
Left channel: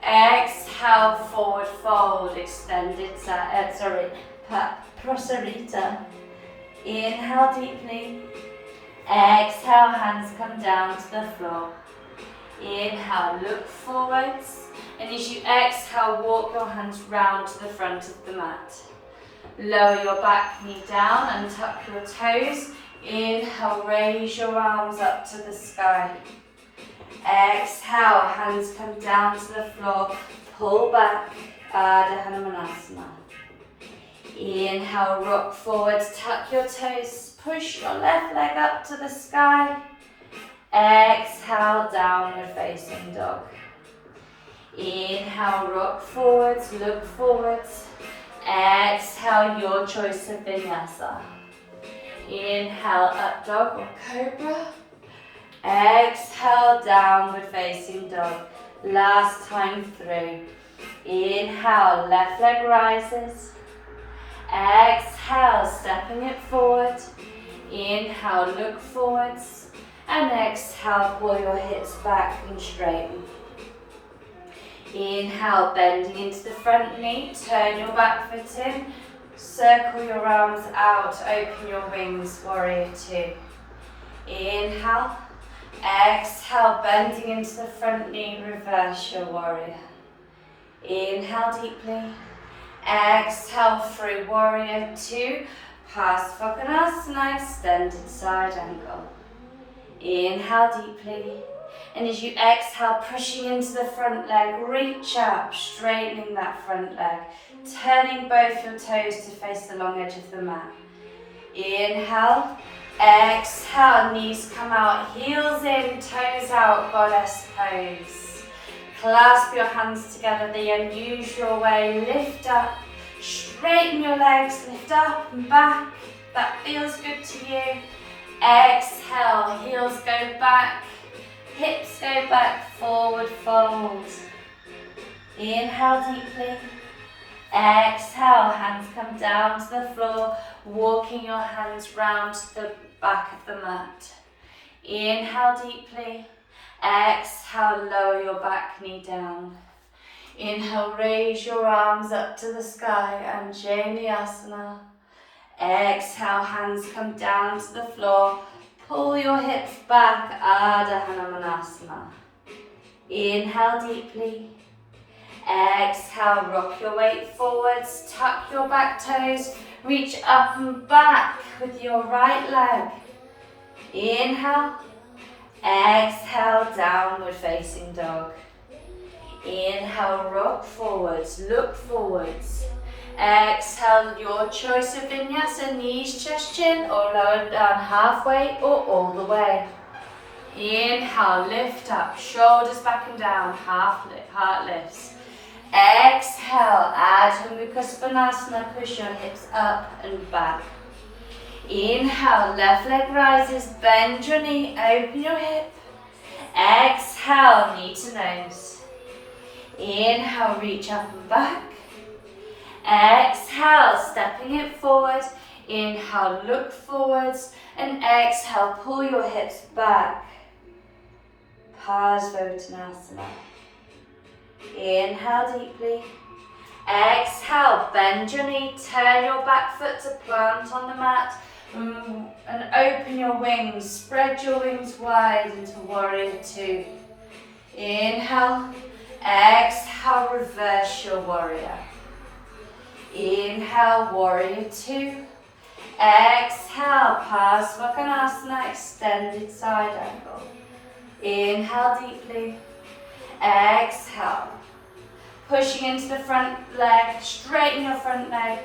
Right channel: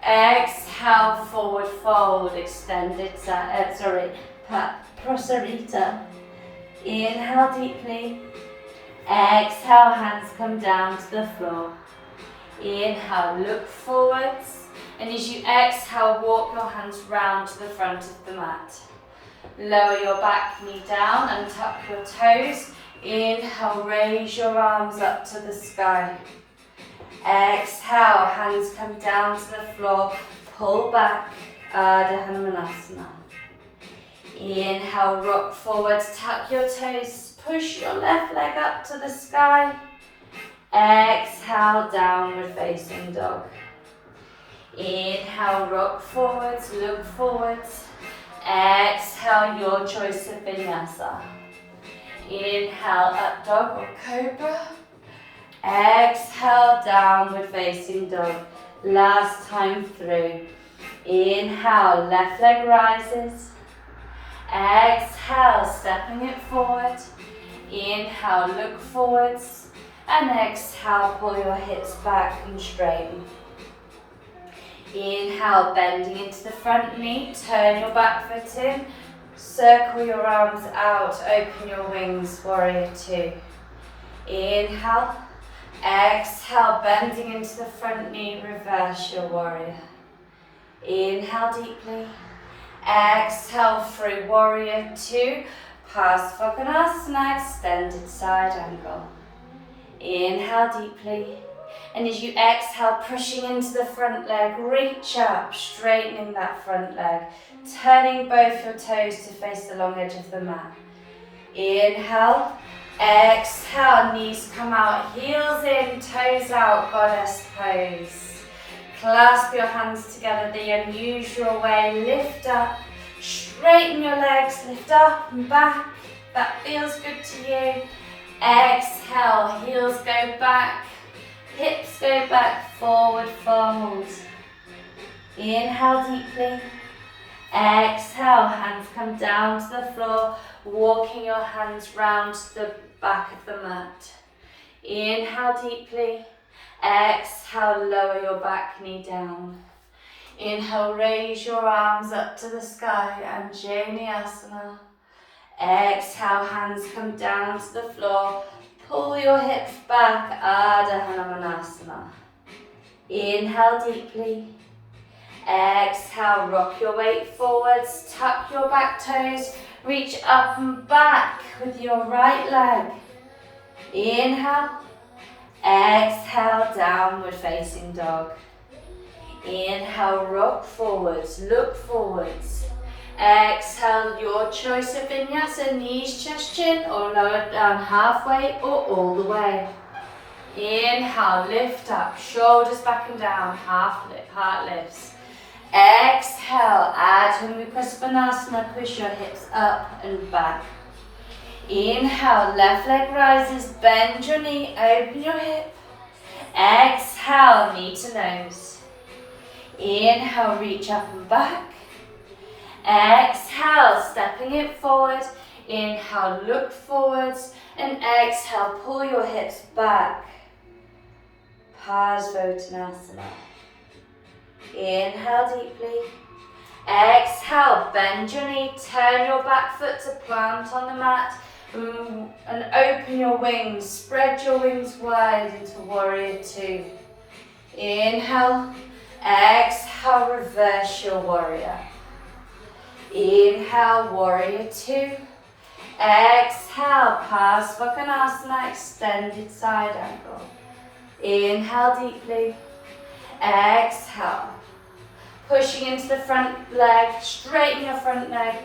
Exhale, forward fold, extended, Prasarita. Inhale deeply. Exhale, hands come down to the floor. Inhale, look forwards. And as you exhale, walk your hands round to the front of the mat. Lower your back knee down and tuck your toes. Inhale, raise your arms up to the sky. Exhale, hands come down to the floor. Pull back, Ardha Hanumanasana. Inhale, rock forwards, tuck your toes. Push your left leg up to the sky. Exhale, downward facing dog. Inhale, rock forwards, look forwards. Exhale, your choice of vinyasa. Inhale, up dog or cobra. Exhale, downward facing dog. Last time through. Inhale, left leg rises. Exhale, stepping it forward. Inhale, look forwards. And exhale, pull your hips back and straighten. Inhale, bending into the front knee. Turn your back foot in. Circle your arms out, open your wings, warrior two. Inhale, exhale, bending into the front knee, reverse your warrior. Inhale deeply, exhale through warrior two, past Svanasana, extended side angle. Inhale deeply, and as you exhale, pushing into the front leg, reach up, straightening that front leg. Turning both your toes to face the long edge of the mat. Inhale, exhale, knees come out, heels in, toes out, goddess pose. Clasp your hands together the unusual way, lift up, straighten your legs, lift up and back. That feels good to you. Exhale, heels go back, hips go back, forward fold. Inhale deeply. Exhale, hands come down to the floor, walking your hands round to the back of the mat. Inhale deeply. Exhale, lower your back knee down. Inhale, raise your arms up to the sky, Anjaneyasana. Exhale, hands come down to the floor. Pull your hips back, Ardha Hanumanasana. Inhale deeply. Exhale, rock your weight forwards, tuck your back toes, reach up and back with your right leg. Inhale, exhale, downward facing dog. Inhale, rock forwards, look forwards. Exhale, your choice of vinyasa, knees, chest, chin, or lower down halfway or all the way. Inhale, lift up, shoulders back and down, heart lifts. Exhale, Adho Mukha Svanasana, push your hips up and back. Inhale, left leg rises, bend your knee, open your hip. Exhale, knee to nose. Inhale, reach up and back. Exhale, stepping it forward. Inhale, look forwards. And exhale, pull your hips back. Parsvottanasana. Inhale deeply. Exhale, bend your knee, turn your back foot to plant on the mat. And open your wings, spread your wings wide into warrior two. Inhale, exhale, reverse your warrior. Inhale, warrior two. Exhale, Parsvottanasana, extended side angle. Inhale deeply. Exhale. Pushing into the front leg, straighten your front leg.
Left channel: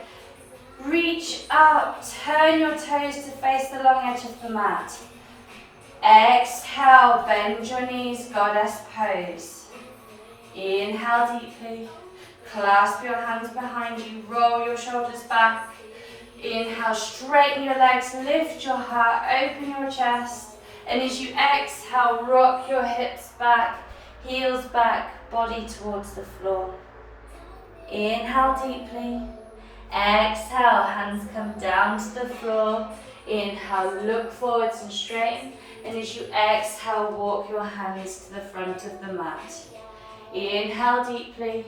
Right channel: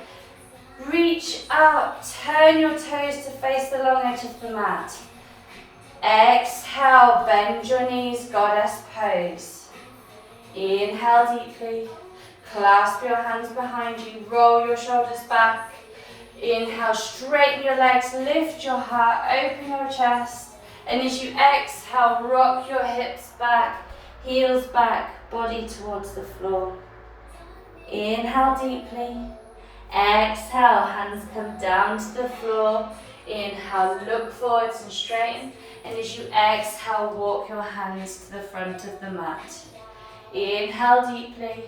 Reach up, turn your toes to face the long edge of the mat. Exhale, bend your knees, goddess pose. Inhale deeply. Clasp your hands behind you, roll your shoulders back. Inhale, straighten your legs, lift your heart, open your chest. And as you exhale, rock your hips back, heels back, body towards the floor. Inhale deeply. Exhale, hands come down to the floor. Inhale, look forwards and straighten. And as you exhale, walk your hands to the front of the mat. Inhale deeply.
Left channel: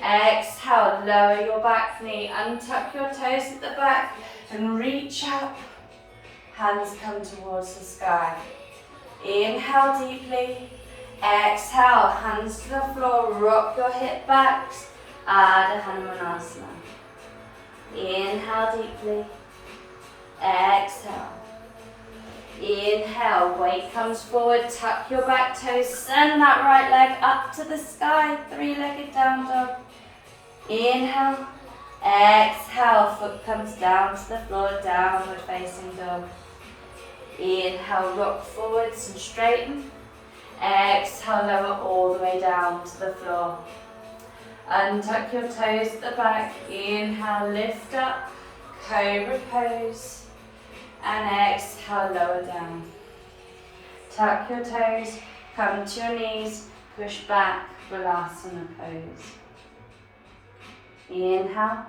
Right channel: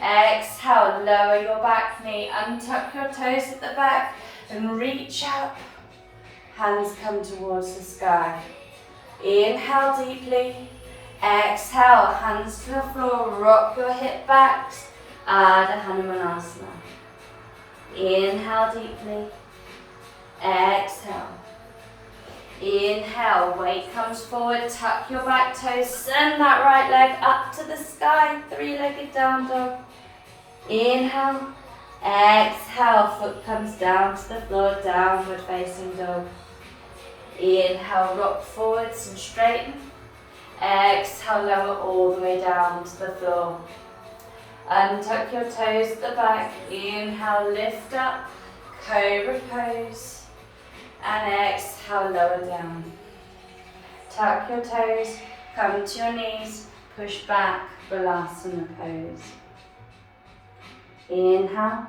Exhale, lower your back knee, untuck your toes at the back and reach up. Hands come towards the sky. Inhale deeply. Exhale, hands to the floor, rock your hip backs. Adho Hanumanasana. Inhale deeply. Exhale. Inhale, weight comes forward, tuck your back toes, send that right leg up to the sky, three-legged down dog. Inhale. Exhale, foot comes down to the floor, downward facing dog. Inhale, rock forwards and straighten. Exhale, lower all the way down to the floor. Untuck your toes at the back. Inhale, lift up, cobra pose. And exhale, lower down. Tuck your toes, come to your knees, push back, balasana pose. Inhale.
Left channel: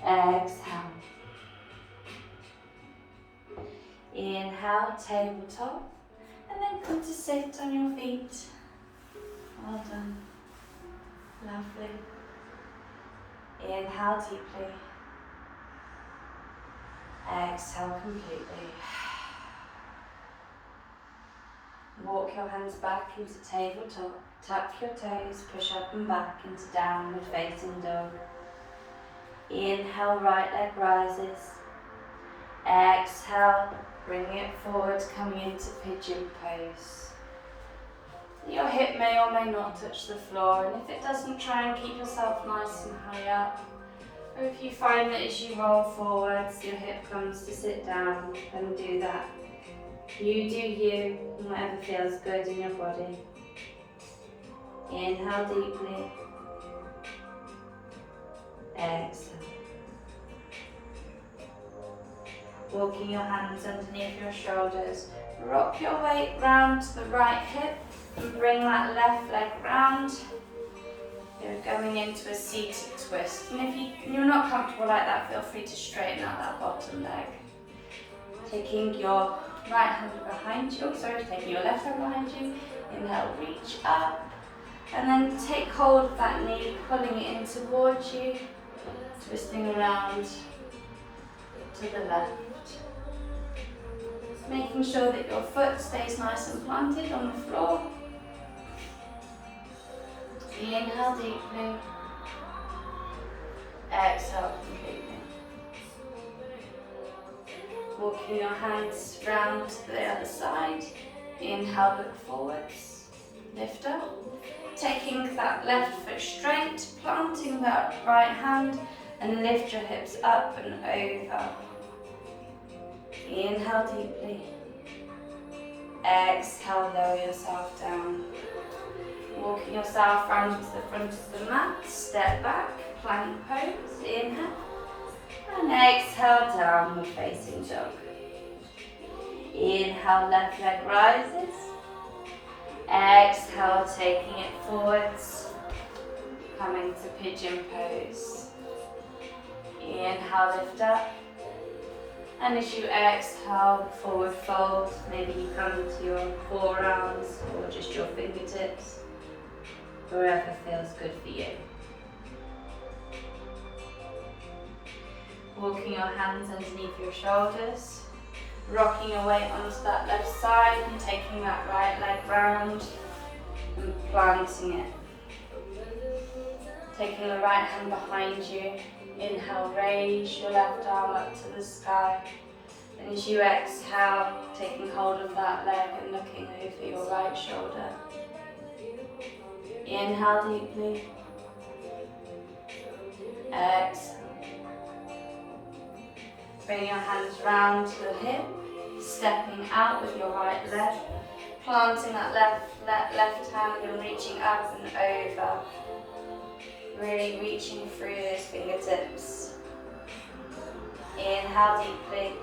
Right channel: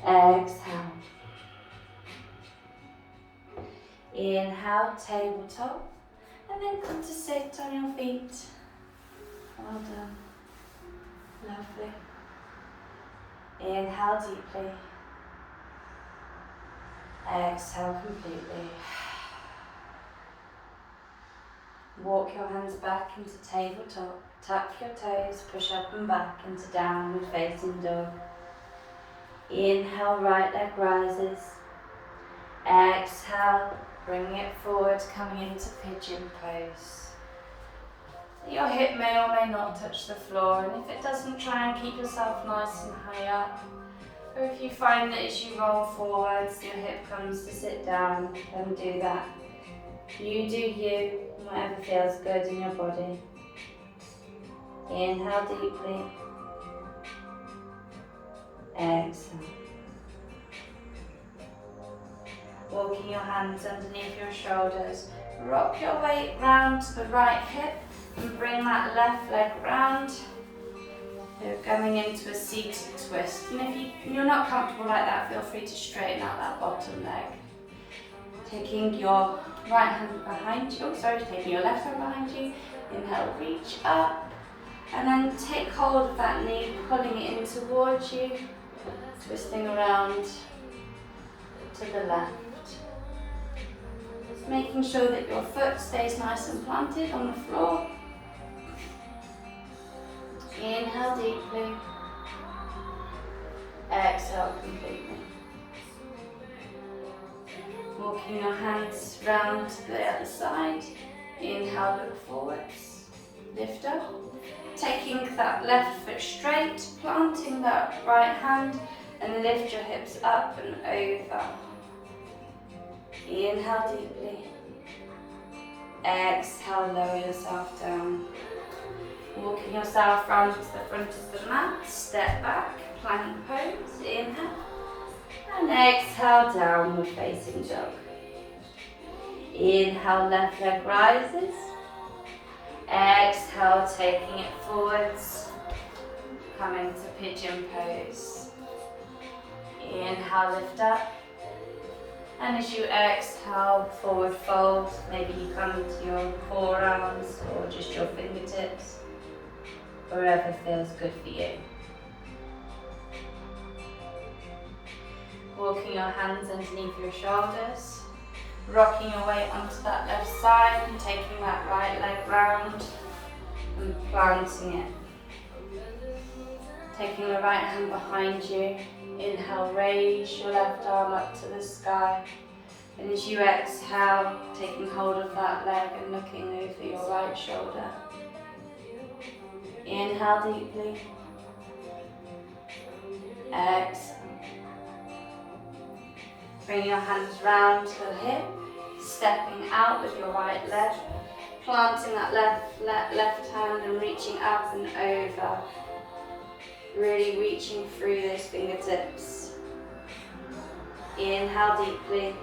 Exhale. Inhale, tabletop. And then come to sit on your feet. Well done. Lovely. Inhale deeply. Exhale completely. Walk your hands back into tabletop. Tuck your toes, push up and back into downward facing dog. Inhale, right leg rises. Exhale, bring it forward, coming into pigeon pose. Your hip may or may not touch the floor, and if it doesn't, try and keep yourself nice and high up. Or if you find that as you roll forwards, your hip comes to sit down, then do that. You do you, whatever feels good in your body. Inhale deeply. Exhale. Walking your hands underneath your shoulders. Rock your weight round to the right hip and bring that left leg round. You're coming into a seated twist. And if you're not comfortable like that, feel free to straighten out that bottom leg. Taking your right hand behind you, taking your left hand behind you. Inhale, reach up. And then take hold of that knee, pulling it in towards you, twisting around to the left. Making sure that your foot stays nice and planted on the floor. Inhale deeply. Exhale completely. Walking your hands round to the other side. Inhale, look forwards. Lift up. Taking that left foot straight, planting that right hand, and lift your hips up and over. Inhale deeply. Exhale, lower yourself down. Walking yourself round to the front of the mat, step back, plank pose, inhale. And exhale, downward facing dog. Inhale, left leg rises. Exhale, taking it forwards, coming to pigeon pose. Inhale, lift up. And as you exhale, forward fold. Maybe you come to your forearms or just your fingertips, wherever feels good for you. Walking your hands underneath your shoulders, rocking your weight onto that left side and taking that right leg round and planting it. Taking the right hand behind you. Inhale, raise your left arm up to the sky. And as you exhale, taking hold of that leg and looking over your right shoulder. Inhale deeply. Exhale. Bring your hands round to the hip, stepping out with your right leg, planting that left hand and reaching up and over. Really reaching through those fingertips. Inhale deeply.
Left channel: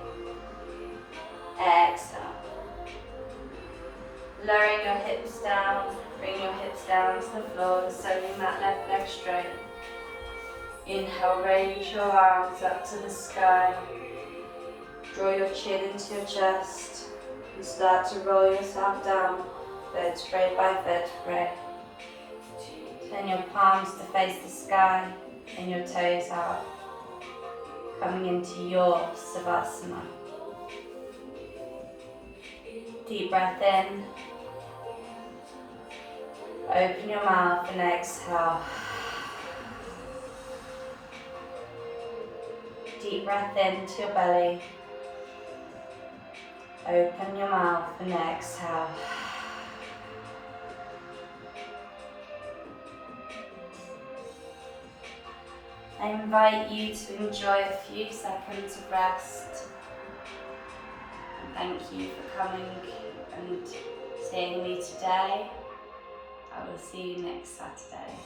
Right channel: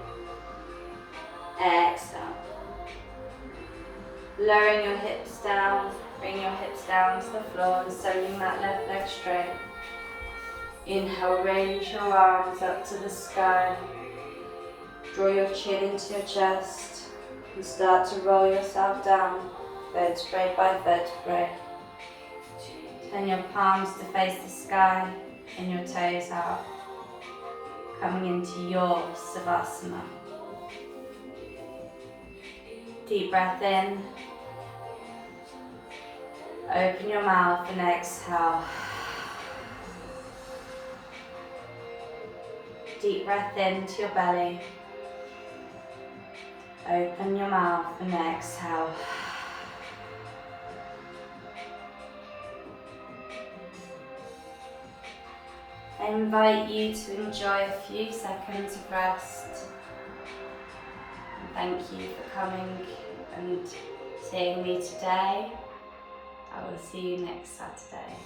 Exhale. Lowering your hips down, bring your hips down to the floor, sending that left leg straight. Inhale, raise your arms up to the sky. Draw your chin into your chest and start to roll yourself down, vertebrae by vertebrae. Turn your palms to face the sky and your toes out, coming into your Savasana. Deep breath in. Open your mouth and exhale. Deep breath into your belly. Open your mouth and exhale. I invite you to enjoy a few seconds of rest. And thank you for coming and seeing me today. I will see you next Saturday.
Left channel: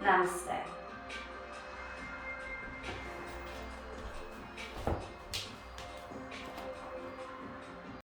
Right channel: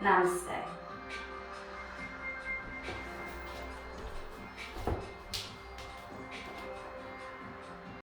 Namaste.